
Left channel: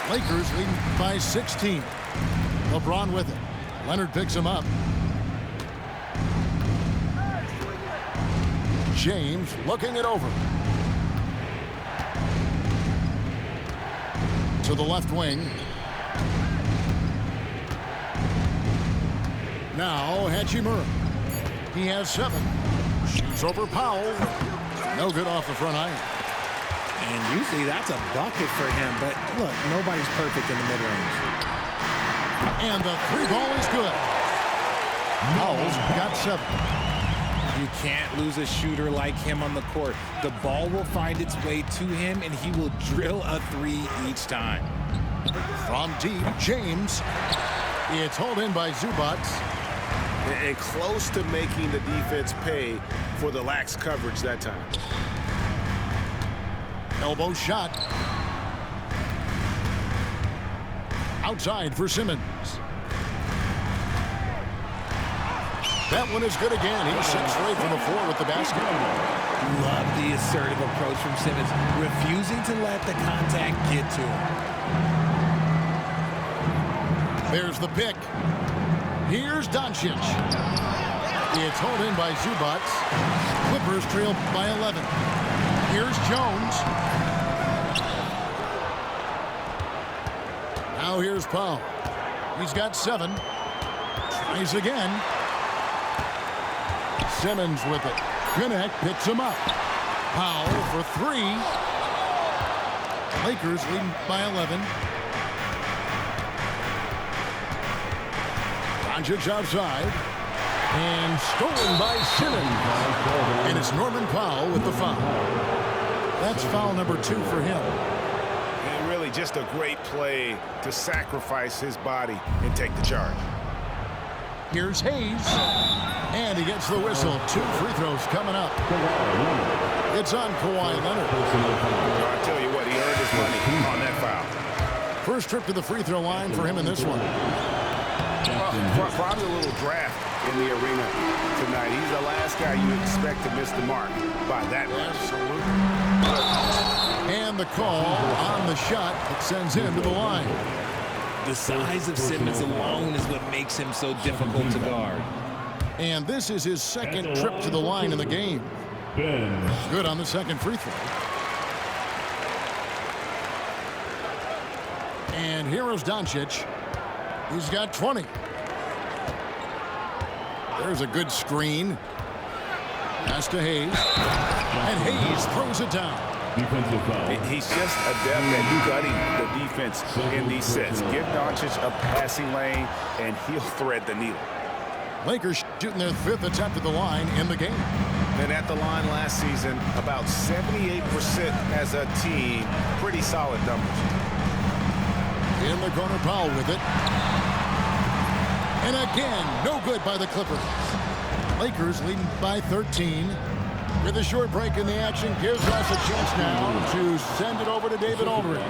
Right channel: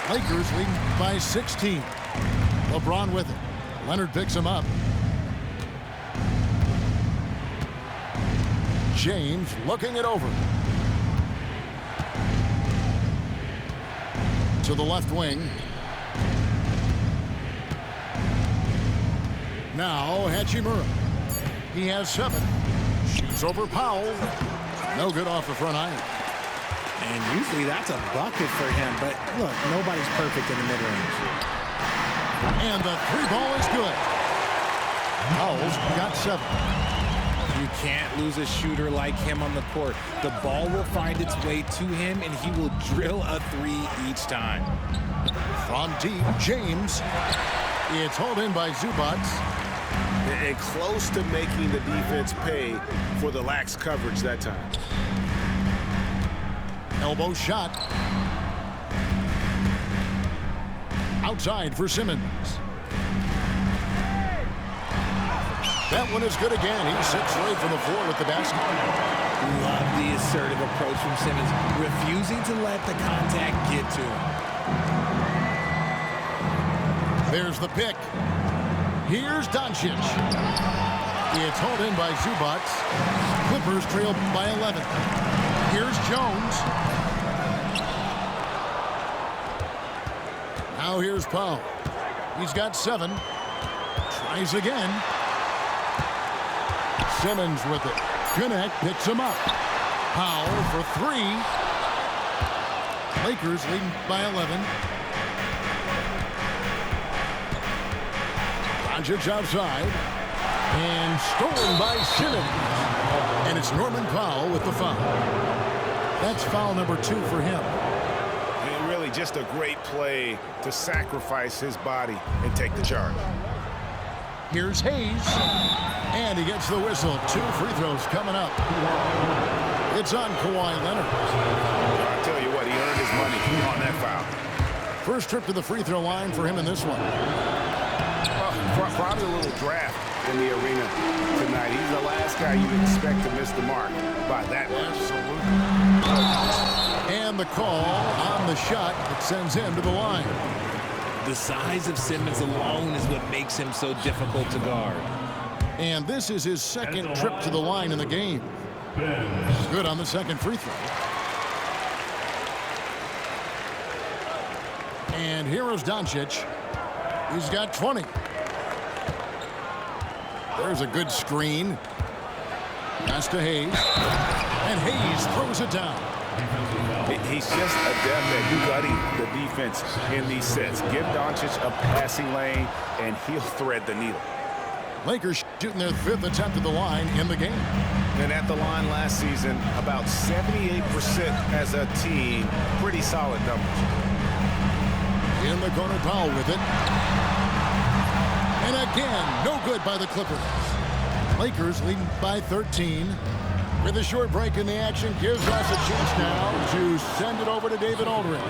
Lakers leading by 16. LeBron with it. Leonard picks him up. James looking it over. To the left wing. Now Hachimura. He has 7. Shoots over Powell. No good off the front iron. And usually that's a bucket for him, but look, nobody's perfect in the mid-range. And the 3 ball is good. Powell's got 7. You can't lose a shooter like him on the court. The ball will find its way to him, and he will drill a 3 each time. From deep, James. It's hauled in by Zubac. And close to making the defense pay for the lax coverage that time. Elbow shot. Outside for Simmons. That one is good again. He's 6 straight from the floor with the basket. Love the assertive approach from Simmons, refusing to let the contact get to him. There's the pick. Here's Doncic. It's hauled in by Zubac. Clippers trail by 11. Here's Jones. Now here's Powell. He's got 7. Tries again. Simmons with it. Connect picks him up. Powell for 3. Lakers leading by 11. Doncic outside. And stolen by Simmons. And it's Norman Powell with the foul. That's foul number 2 for him. And really just a great play to sacrifice his body and take the charge. Here's Hayes. And he gets the whistle. 2 free throws coming up. It's on Kawhi Leonard. I tell you what, he earned his money on that foul. First trip to the free throw line for him in this one. Well, probably a little draft in the arena tonight. He's the last guy you expect to miss the mark by that much. Absolutely. And the call on the shot that sends him to the line. The size of Simmons alone is what makes him so difficult to guard. And this is his 2nd trip to the line in the game. Good on the 2nd free throw. And here is Doncic. He's got 20. There's a good screen. Pass to Hayes. And Hayes throws it down. Defensive foul. He's just adept at gutting the defense in these sets. Give Doncic a passing lane, and he'll thread the needle. Lakers shooting their 5th attempt at the line in the game. And at the line last season, about 78% as a team. Pretty solid numbers. In the corner, Powell with it. And again, no good by the Clippers. Lakers leading by 13. With a short break in the action, gives us a chance now to send it over to David Aldridge.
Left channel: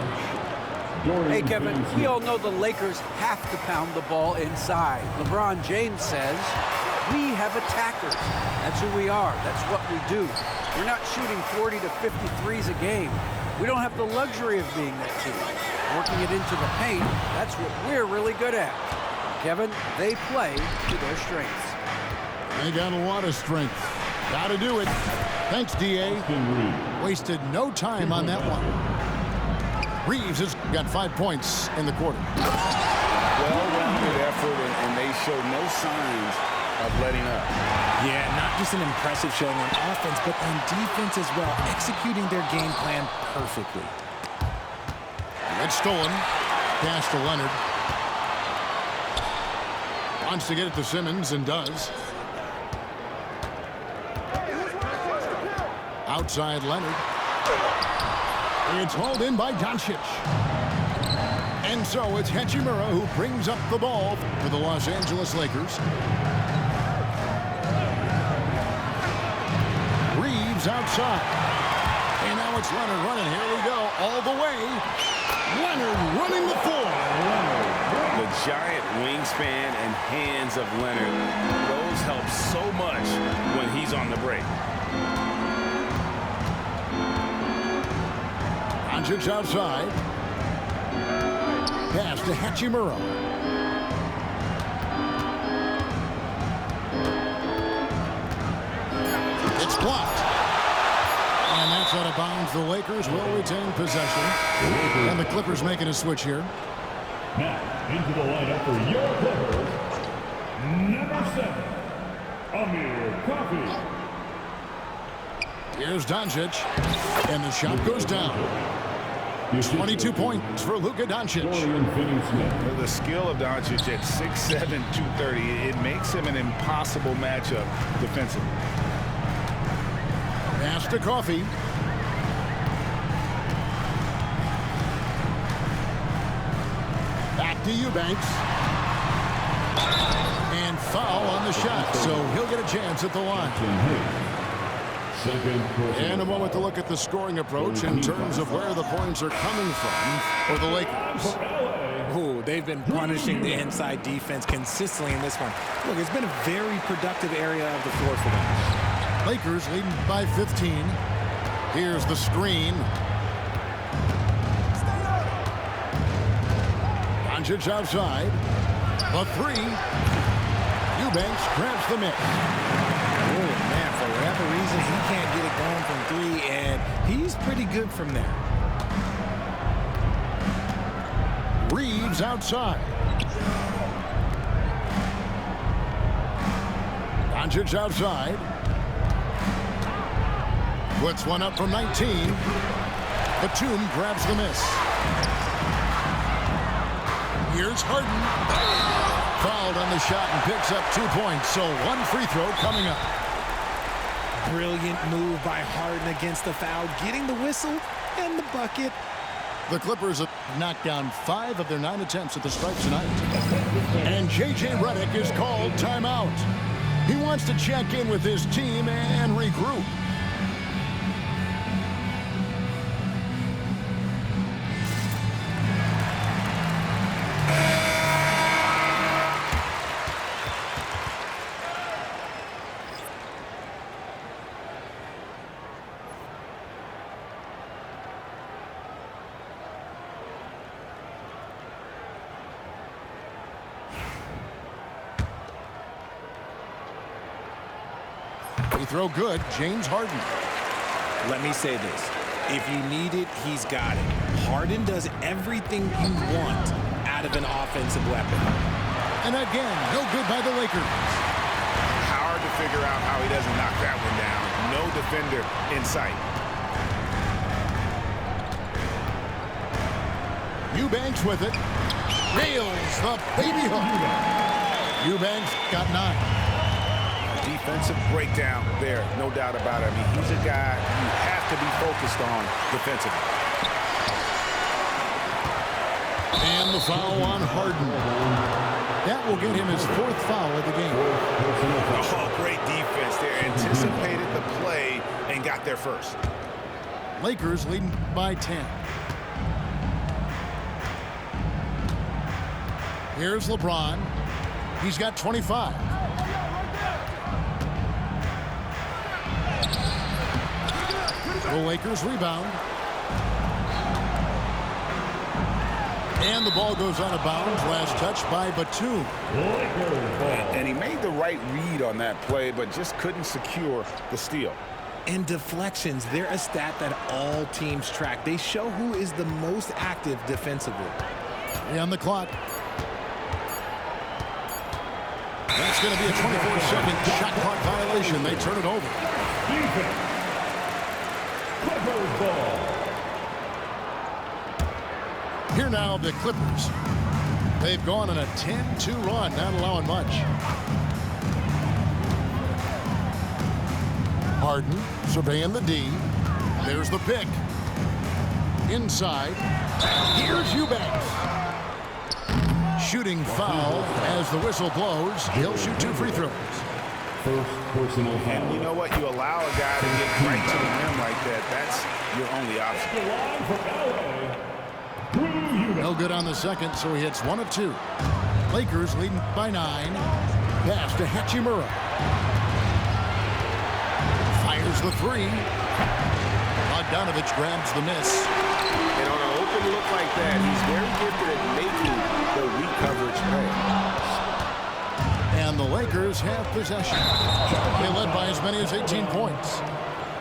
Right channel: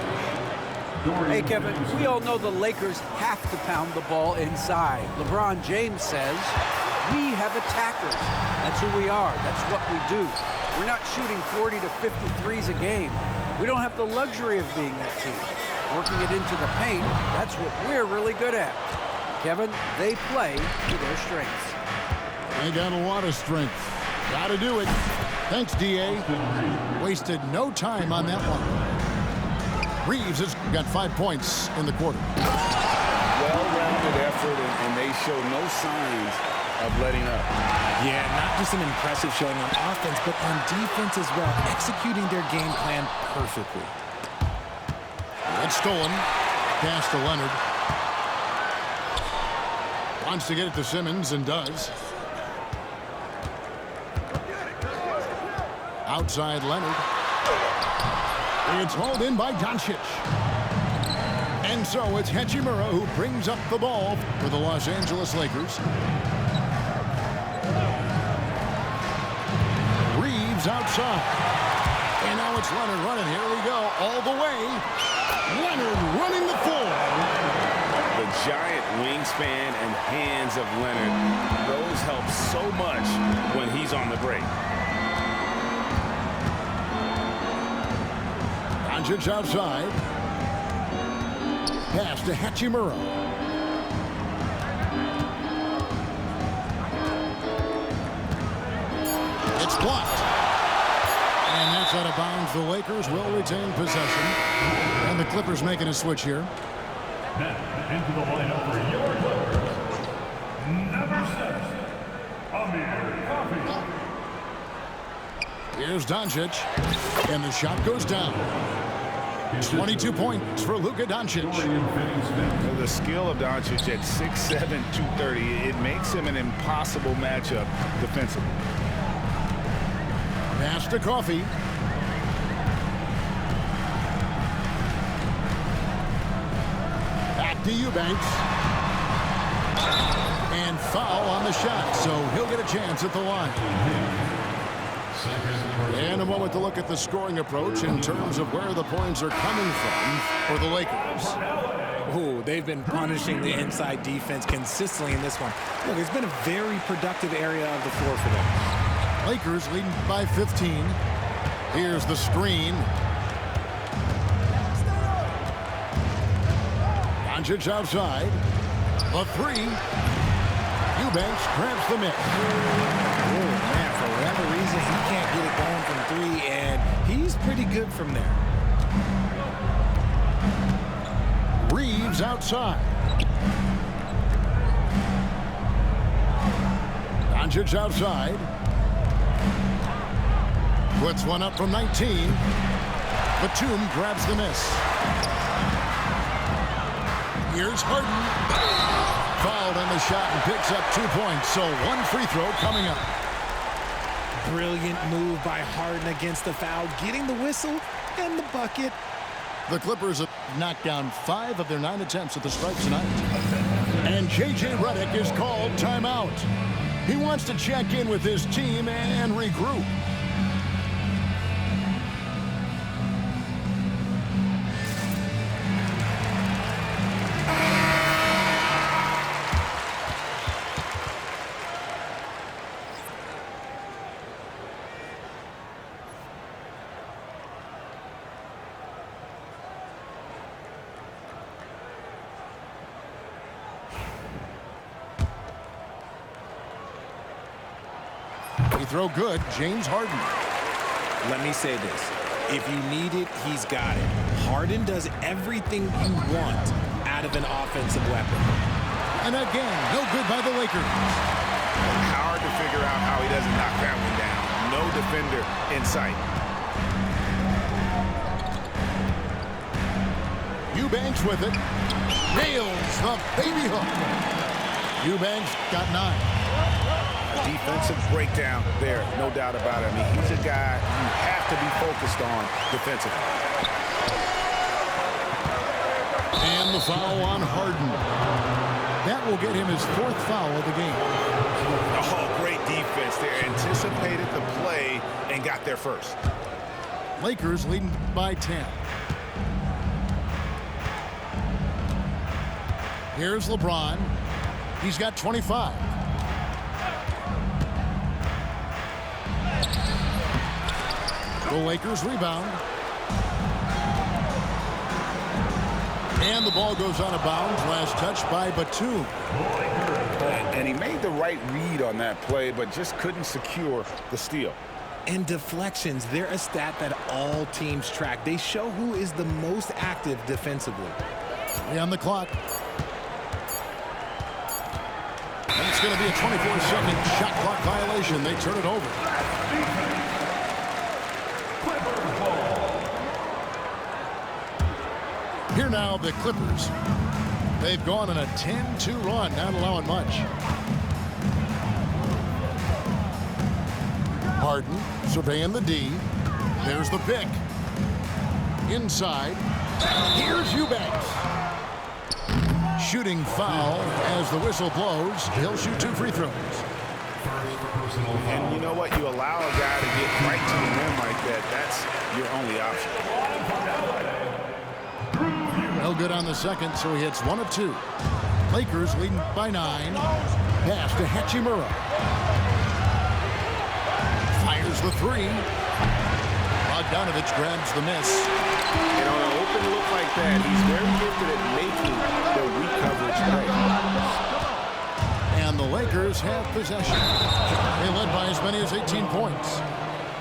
Hey, Kevin, we all know the Lakers have to pound the ball inside. LeBron James says, We have attackers. That's who we are. That's what we do. We're not shooting 40 to 50 threes a game. We don't have the luxury of being that team. Working it into the paint, that's what we're really good at. Kevin, they play to their strengths. They got a lot of strength. Got to do it. Thanks, D.A. Wasted no time on that one. Reeves has got 5 points in the quarter. Well-rounded effort, and they show no signs of letting up. Yeah, not just an impressive showing on offense, but on defense as well, executing their game plan perfectly. It's stolen. Pass to Leonard. Wants to get it to Simmons and does. Outside Leonard. It's hauled in by Doncic. And so it's Hachimura who brings up the ball for the Los Angeles Lakers. Reeves outside. And now it's Leonard running. Here we go. All the way. Leonard running the floor. The giant wingspan and hands of Leonard, those help so much when he's on the break. Doncic outside. Pass to Hachimura. It's blocked. And that's out of bounds. The Lakers will retain possession. And the Clippers making a switch here. Now, into the lineup for your Clippers, number 7, Amir Coffey. Here's Doncic. And the shot goes down. 22 points for Luka Doncic. The skill of Doncic at 6'7", 230, it makes him an impossible matchup defensively. Pass to Coffey. Back to Eubanks. And foul on the shot, so he'll get a chance at the line. And a moment to look at the scoring approach in terms of where the points are coming from for the Lakers. Oh, they've been punishing the inside defense consistently in this one. Look, it's been a very productive area of the floor for them. Lakers leading by 15. Here's the screen. Doncic outside. The three. Eubanks grabs the miss. Oh, man, for whatever reason, he can't get it going from three, and he's pretty good from there. Reeves outside. Doncic outside. Puts one up from 19. Batum grabs the miss. Here's Harden. Fouled on the shot and picks up 2 points, so one free throw coming up. Brilliant move by Harden against the foul, getting the whistle and the bucket. The Clippers have knocked down 5 of their 9 attempts at the stripe tonight. And J.J. Redick is called timeout. He wants to check in with his team and regroup. Free throw good, James Harden. Let me say this. If you need it, he's got it. Harden does everything you want out of an offensive weapon. And again, no good by the Lakers. Hard to figure out how he doesn't knock that one down. No defender in sight. Eubanks with it. Nails the baby hook. Eubanks got 9. A defensive breakdown there, no doubt about it. I mean, he's a guy you have to be focused on defensively. And the foul on Harden. That will get him his 4th foul of the game. Oh, great defense there. Anticipated the play and got there first. Lakers leading by 10. Here's LeBron. He's got 25. The Lakers rebound. And the ball goes out of bounds. Last touch by Batum. And he made the right read on that play, but just couldn't secure the steal. And deflections, they're a stat that all teams track. They show who is the most active defensively. On the clock. And it's going to be a 24-second shot clock violation. They turn it over. Defense. Clippers ball. Here now, the Clippers. They've gone on a 10-2 run, not allowing much. Harden surveying the D. There's the pick. Inside. Here's Eubanks. Shooting foul as the whistle blows. He'll shoot 2 free throws. First personal foul. And you know what? You allow a guy to get right to the rim like that. That's your only option. The line from L.A. Drew Eubanks. No good on the second, so he hits 1 of 2. Lakers leading by 9. Pass to Hachimura. Fires the 3. Bogdanovich grabs the miss. And on an open look like that, he's very gifted at making the weak coverage play. And the Lakers have possession. They led by as many as 18 points.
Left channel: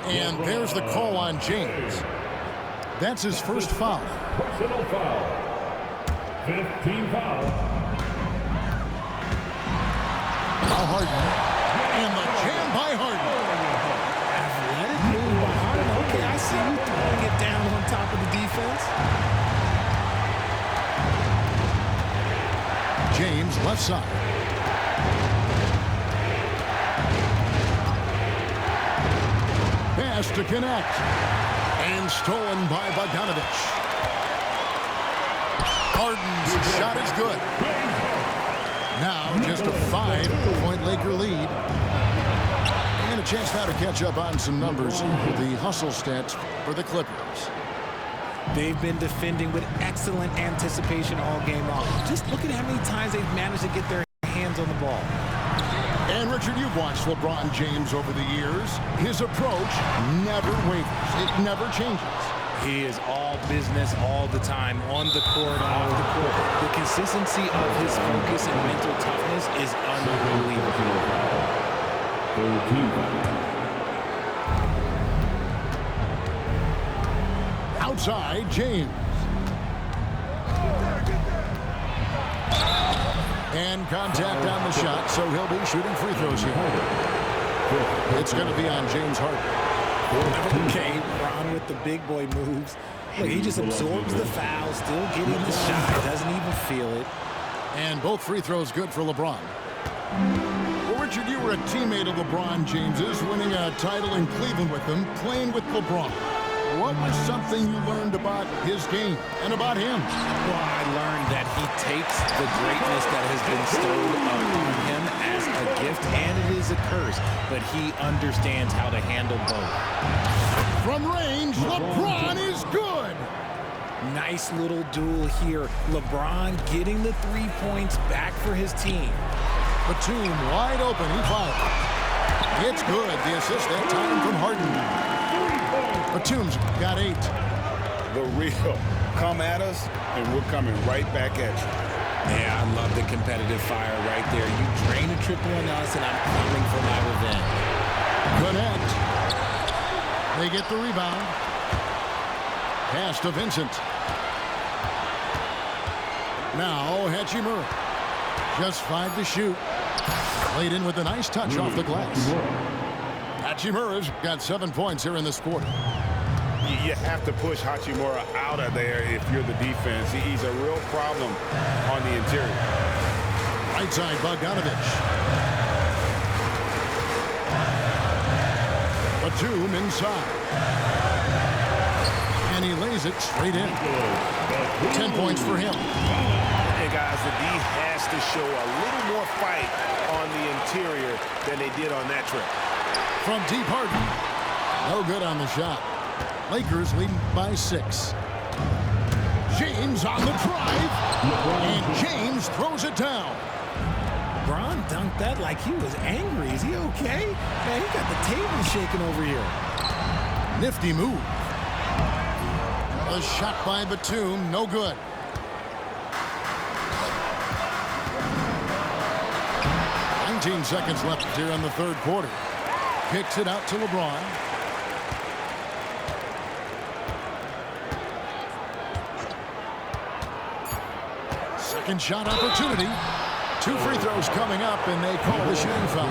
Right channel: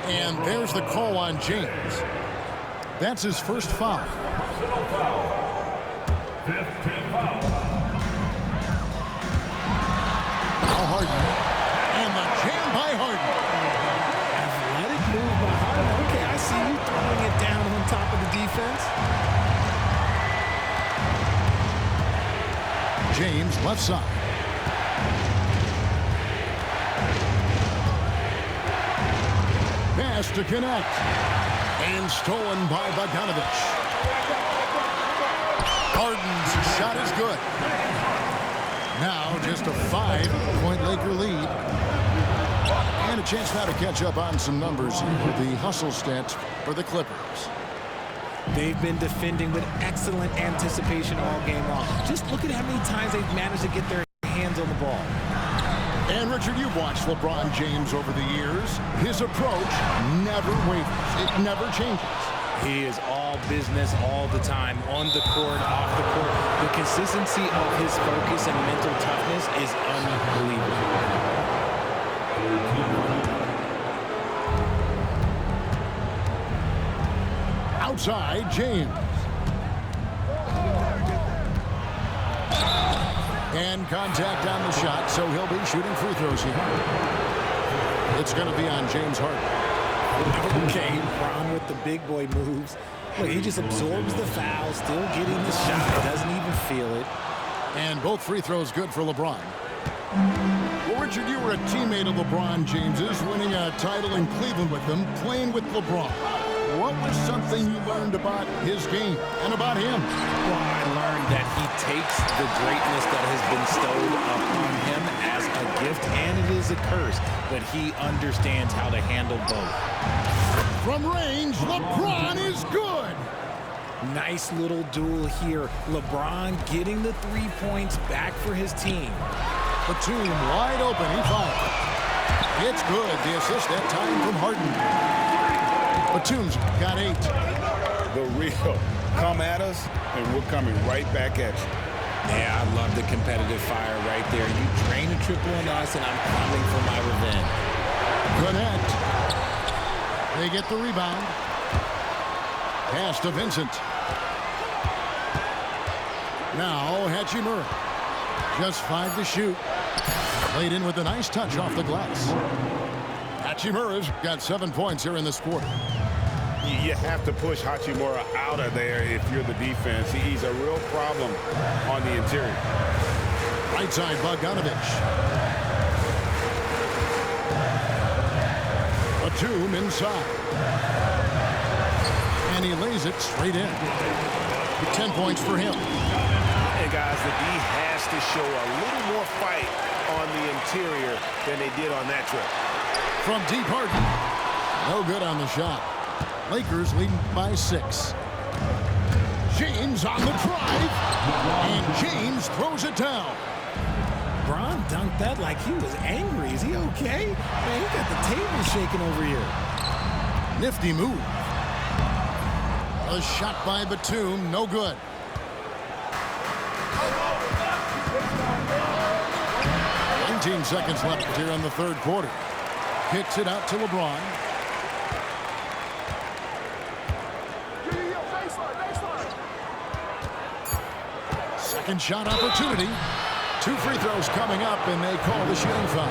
And there's the call on James. That's his first foul. Personal foul. 15 foul. Now Harden. And the jam by Harden. Athletic move by Harden. Okay, I see you throwing it down on top of the defense. James left side. Pass to connect. And stolen by Bogdanovich. Harden's shot is good. Now just a 5-point Laker lead. And a chance now to catch up on some numbers here with the hustle stats for the Clippers. They've been defending with excellent anticipation all game long. Just look at how many times they've managed to get their hands on the ball. And Richard, you've watched LeBron James over the years. His approach never wavers. It never changes. He is all business all the time, on the court, off the court. The consistency of his focus and mental toughness is unbelievable. 13. Outside, James. And contact on the shot, so he'll be shooting free throws here. It's going to be on James Harden. Okay, Ron with the big boy moves. Look, he just absorbs the foul, still getting the shot, doesn't even feel it. And both free throws good for LeBron. Well, Richard, you were a teammate of LeBron James's, winning a title in Cleveland with him, playing with LeBron. What was something you learned about his game and about him? Well, I learned that he takes the greatness that has been bestowed upon him as a gift, and it is a curse, but he understands how to handle both. From range, LeBron is good. Nice little duel here. LeBron getting the 3 points back for his team. Batum wide open, he fires. It's good. The assist that time from Harden. Batum's got 8. The real. Come at us, and we're coming right back at you. Yeah, I love the competitive fire right there. You drain a triple on us, and I'm coming for my revenge. Connect. They get the rebound. Pass to Vincent. Now Hachimura. Just 5 to shoot. Played in with a nice touch off the glass. Hachimura's got 7 points here in this quarter. You have to push Hachimura out of there if you're the defense. He's a real problem on the interior. Right side, Bogdanovich. Batum inside. And he lays it straight in. 10 points for him. And guys, the D has to show a little more fight on the interior than they did on that trip. From deep, Harden. No good on the shot. Lakers leading by 6. James on the drive. And James throws it down. Bron dunked that like he was angry. Is he okay? Man, he got the table shaking over here. Nifty move. A shot by Batum, no good. "19 seconds left here in the third quarter." Kicks it out to LeBron. Second shot opportunity. 2 free throws coming up, and they call the shooting foul.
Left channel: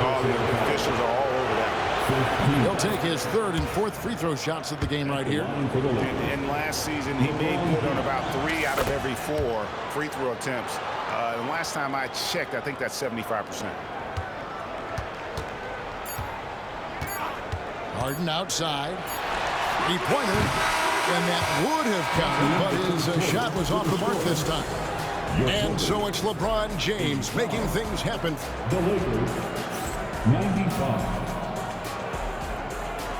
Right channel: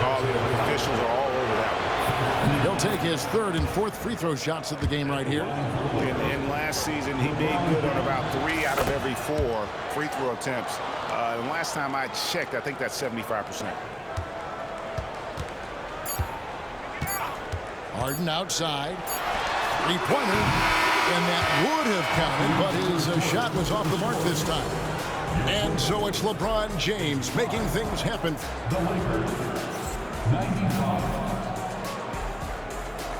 Oh, the officials are all over that one. He'll take his 3rd and 4th free throw shots of the game right here. And last season, he made good on about 3 out of every 4 free throw attempts. And last time I checked, I think that's 75%. Harden outside. 3-pointer. And that would have counted, but his shot was off the mark this time. And so it's LeBron James making things happen. The Lakers, 95.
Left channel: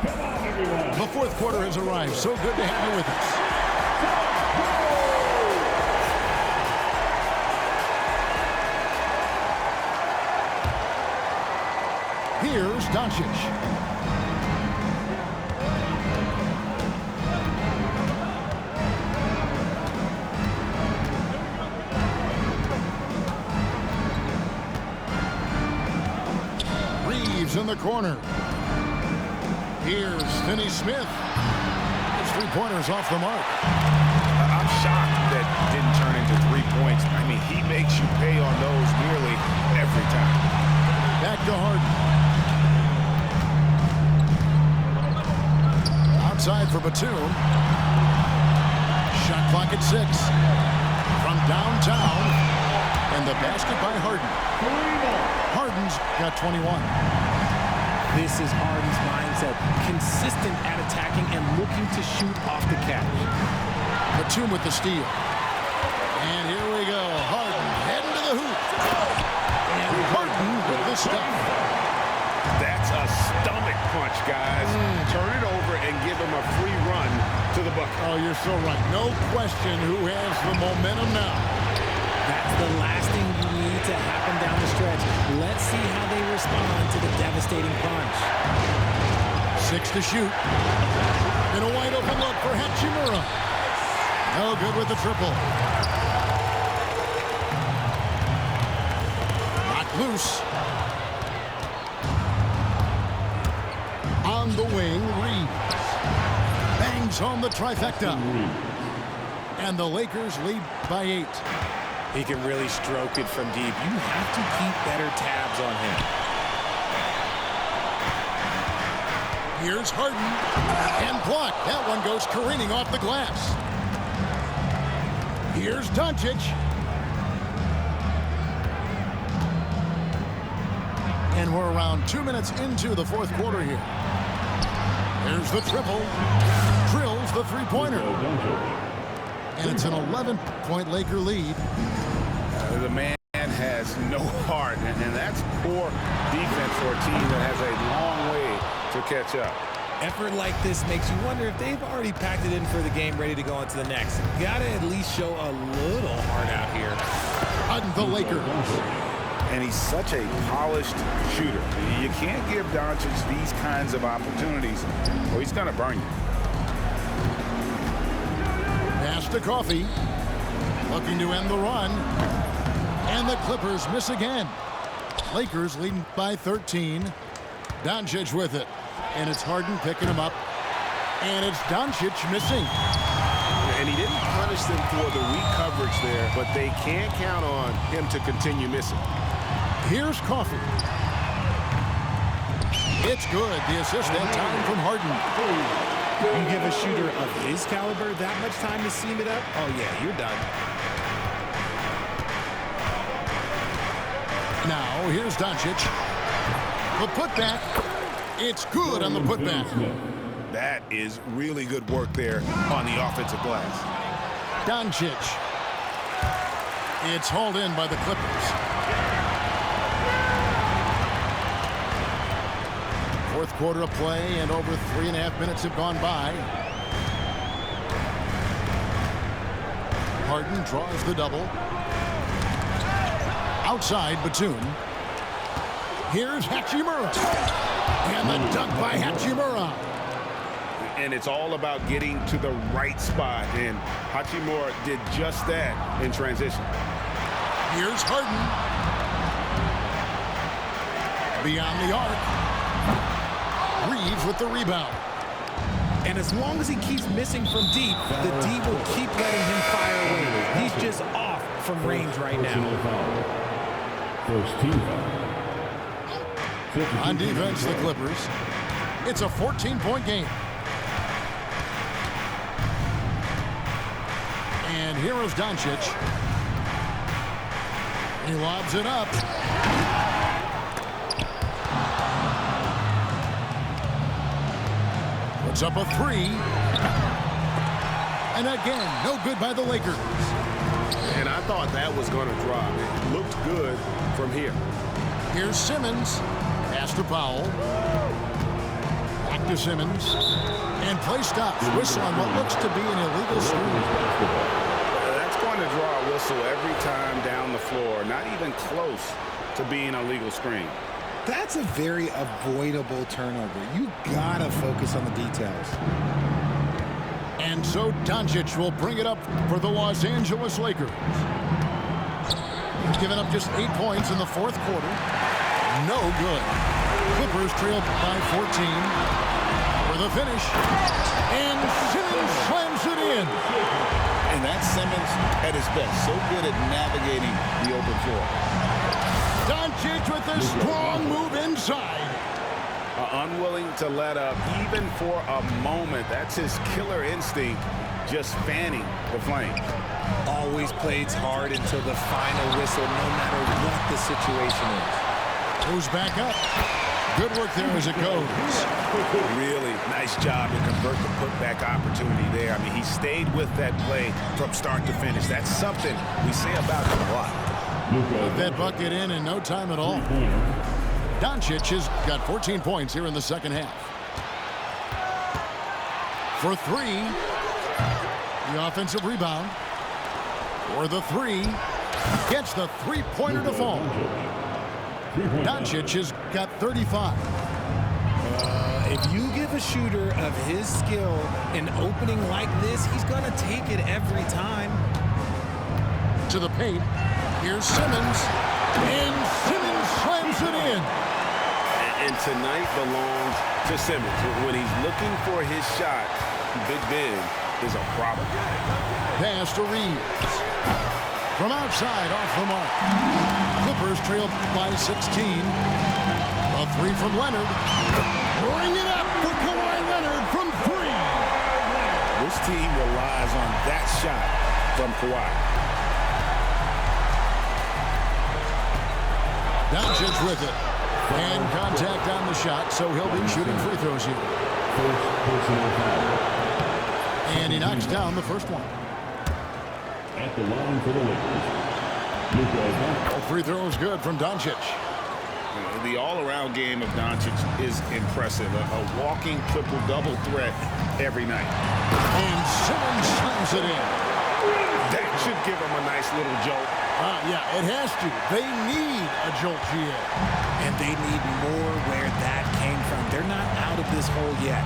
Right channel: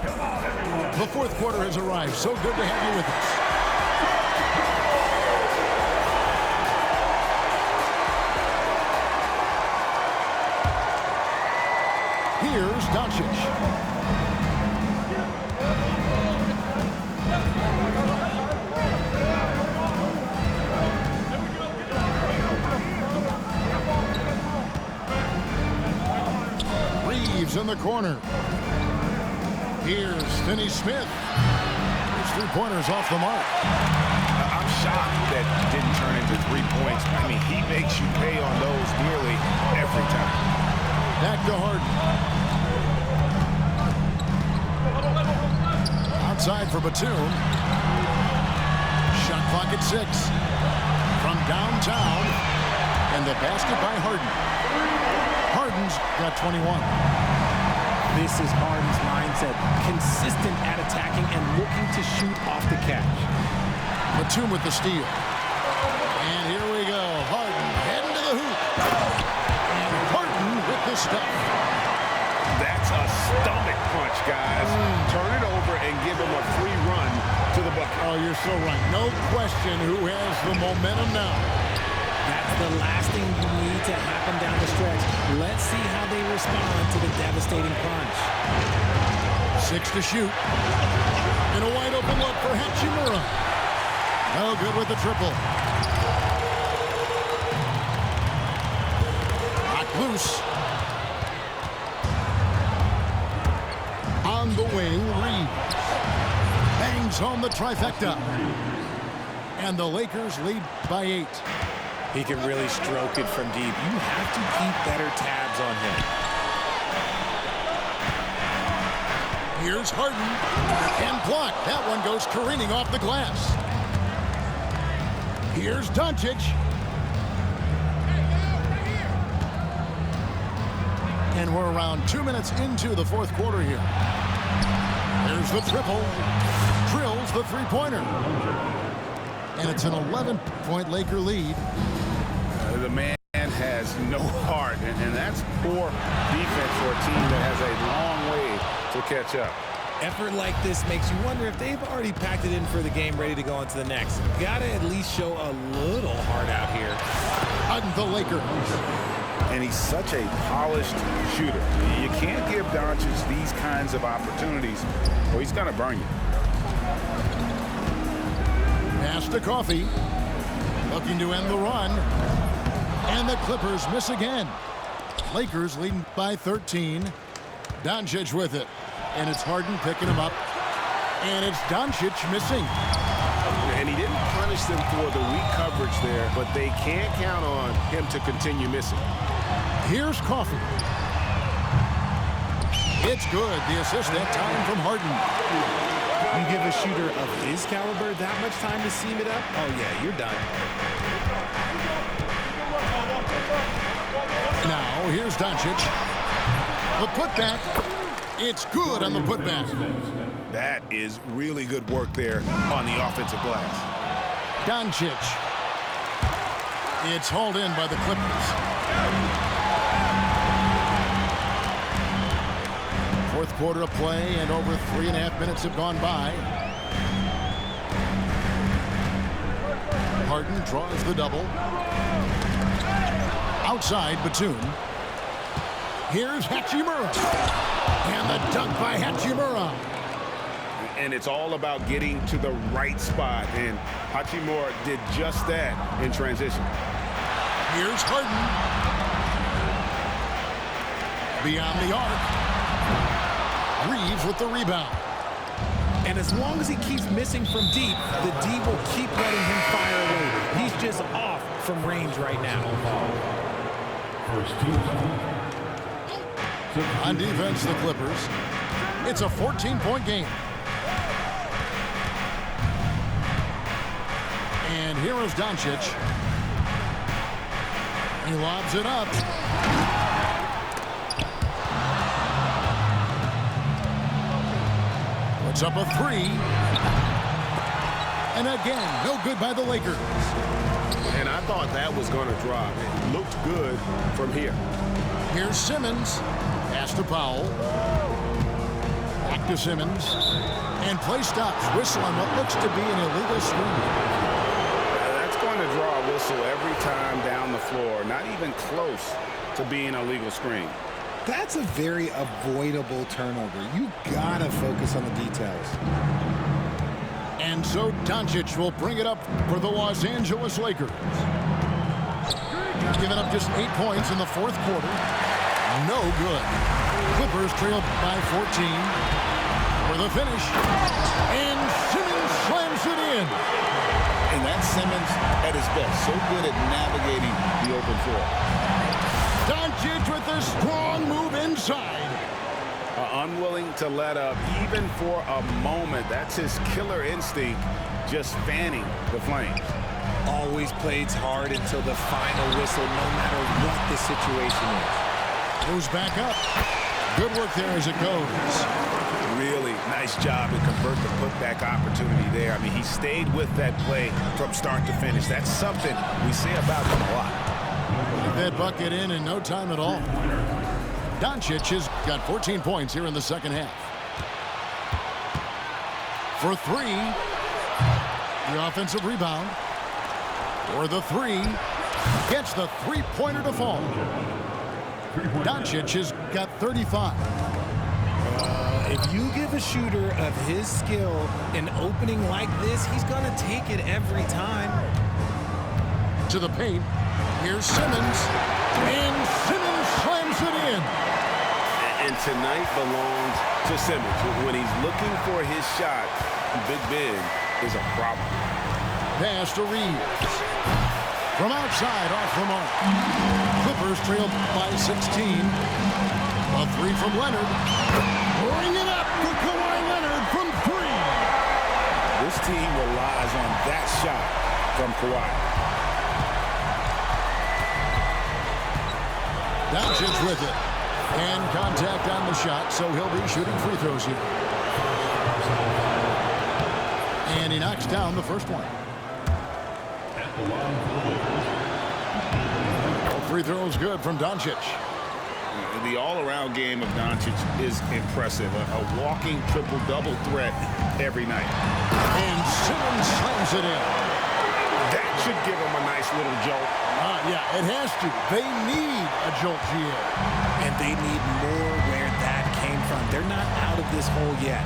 Come on, everyone. The fourth quarter has arrived. So good to have you with us. Here's Doncic. Reeves in the corner. Here's Finney Smith. His 3-pointer's off the mark. I'm shocked that didn't turn into 3 points. I mean, he makes you pay on those nearly every time. Back to Harden. Outside for Batum. Shot clock at 6. From downtown. And the basket by Harden. Harden's got 21. This is Harden's mindset. Consistent at attacking and looking to shoot off the catch. Batum with the steal. And here we go. Harden heading to the hoop. And Harden with the stuff. That's a stomach punch, guys. Turn it over and give him a free run to the bucket. Oh, you're so right. No question who has the momentum now. That's the last thing you need to happen down the stretch. Let's see how they respond to the devastating punch. 6 to shoot. And a wide open look for Hachimura. No good with the triple. Knocked loose. On the wing, Reeves. Bangs home the trifecta. And the Lakers lead by 8. He can really stroke it from deep. You have to keep better tabs on him. Here's Harden. And blocked. That one goes careening off the glass. Here's Doncic. And we're around 2 minutes into the fourth quarter here. There's the triple. Drills the 3-pointer. And it's an 11-point Laker lead. The man has no heart, and that's poor defense for a team that has a long way to catch up. Effort like this makes you wonder if they've already packed it in for the game, ready to go on to the next. Gotta at least show a little heart out here. On the Lakers. And he's such a polished shooter. You can't give Doncic these kinds of opportunities, or he's going to burn you. Pass to Coffee. Looking to end the run. And the Clippers miss again. Lakers leading by 13. Doncic with it. And it's Harden picking him up. And it's Doncic missing. And he didn't punish them for the weak coverage there, but they can't count on him to continue missing. Here's Coffee. It's good. The assist that time from Harden. You give a shooter of his caliber that much time to seam it up? Oh, yeah, you're done. Now, here's Doncic. The putback. It's good on the putback. That is really good work there on the offensive glass. Doncic. It's hauled in by the Clippers. Fourth quarter of play, and over 3.5 minutes have gone by. Harden draws the double. Outside, Batum. Here's Hachimura. And the dunk by Hachimura. And it's all about getting to the right spot, and Hachimura did just that in transition. Here's Harden. Beyond the arc. Reeves with the rebound. And as long as he keeps missing from deep, the D will keep letting him fire away. He's just off from range right now. First team. On defense, the Clippers. It's a 14-point game. And here is Doncic. He lobs it up. Puts up a three. And again, no good by the Lakers. And I thought that was going to drop. It looked good from here. Here's Simmons. Pass to Powell. Back to Simmons. And play stops. Whistle on what looks to be an illegal screen. That's going to draw a whistle every time down the floor. Not even close to being a legal screen. That's a very avoidable turnover. You gotta focus on the details. And so Doncic will bring it up for the Los Angeles Lakers. Giving up just 8 points in the fourth quarter. No good. Clippers trail by 14. For the finish. And Simmons slams it in. And that's Simmons at his best. So good at navigating the open floor. Doncic with a strong move inside. Unwilling to let up even for a moment. That's his killer instinct, just fanning the flames. Always plays hard until the final whistle, no matter what the situation is. Goes back up. Good work there as it goes. Really nice job to convert the putback opportunity there. I mean, he stayed with that play from start to finish. That's something we say about him a lot. Got that bucket in no time at all. Doncic has got 14 points here in the second half. For three. The offensive rebound. For the three. Gets the three-pointer to fall. Doncic has got 35. If you give a shooter of his skill an opening like this, he's going to take it every time. To the paint. Here's Simmons. And Simmons slams it in. And tonight belongs to Simmons. When he's looking for his shot, Big Ben is a problem. Pass to Reeves. From outside, off the mark. Clippers trail by 16. A three from Leonard. Bring it up for Kawhi Leonard from three. This team relies on that shot from Kawhi. Doncic with it. And contact on the shot, so he'll be shooting free throws here. And he knocks down the first one. At the line for the Lakers. All free throws good from Doncic. The all-around game of Doncic is impressive. A walking triple-double threat every night. And Simmons slams it in. That should give him a nice little jolt. Yeah, it has to. They need a jolt, GA. And they need more where that came from. They're not out of this hole yet.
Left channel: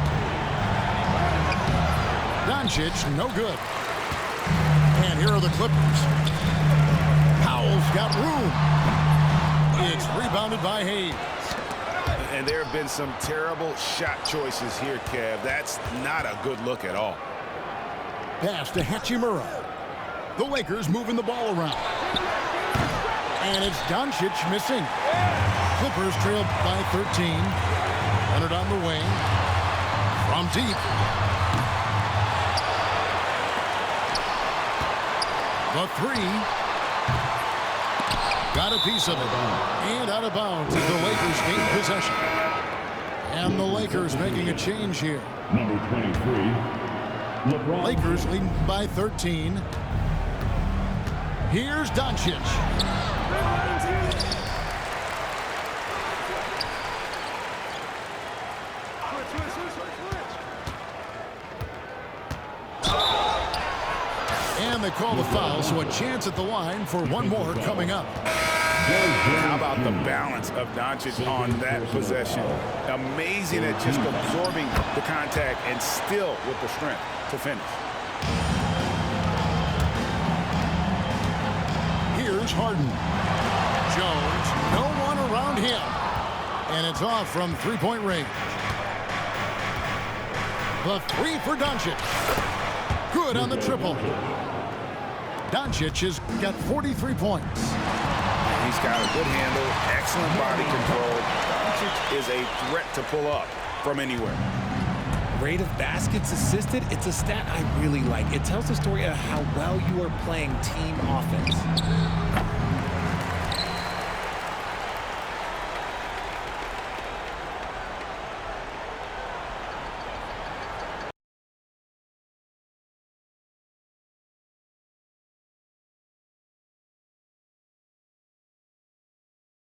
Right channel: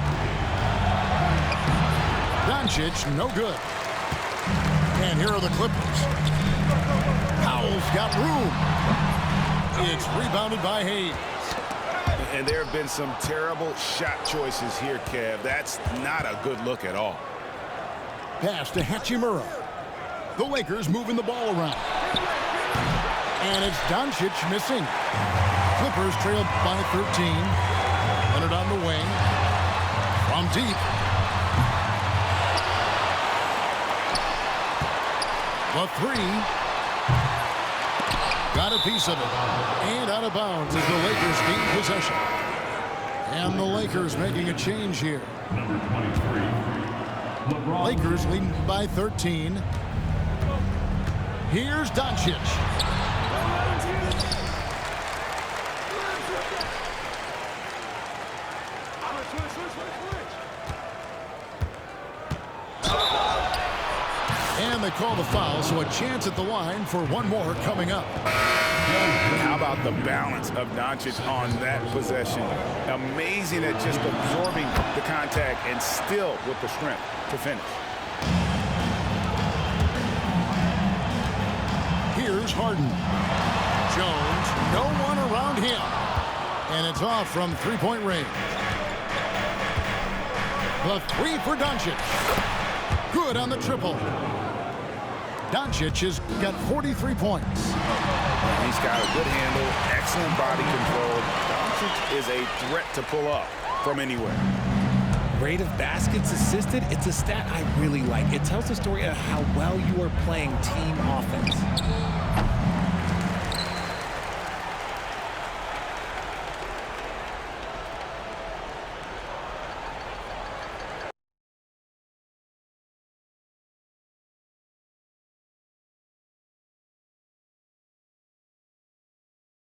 Doncic, no good. And here are the Clippers. Powell's got room. It's rebounded by Hayes. And there have been some terrible shot choices here, Kev. That's not a good look at all. Pass to Hachimura. The Lakers moving the ball around. And it's Doncic missing. Clippers trail by 13. Leonard on the wing. From deep. The three. Got a piece of it. And out of bounds as the Lakers gain possession. And the Lakers making a change here. Number 23, LeBron. Lakers leading by 13. Here's Doncic. And they call the foul, so a chance at the line for one more coming up. How about the balance of Doncic on that possession? Amazing at just absorbing the contact and still with the strength to finish. Here's Harden. Jones, no one around him. And it's off from three-point range. The three for Doncic. Good on the triple. Doncic has got 43 points. And he's got a good handle, excellent body control. Doncic is a threat to pull up from anywhere. Rate of baskets assisted, it's a stat I really like. It tells the story of how well you are playing team offense.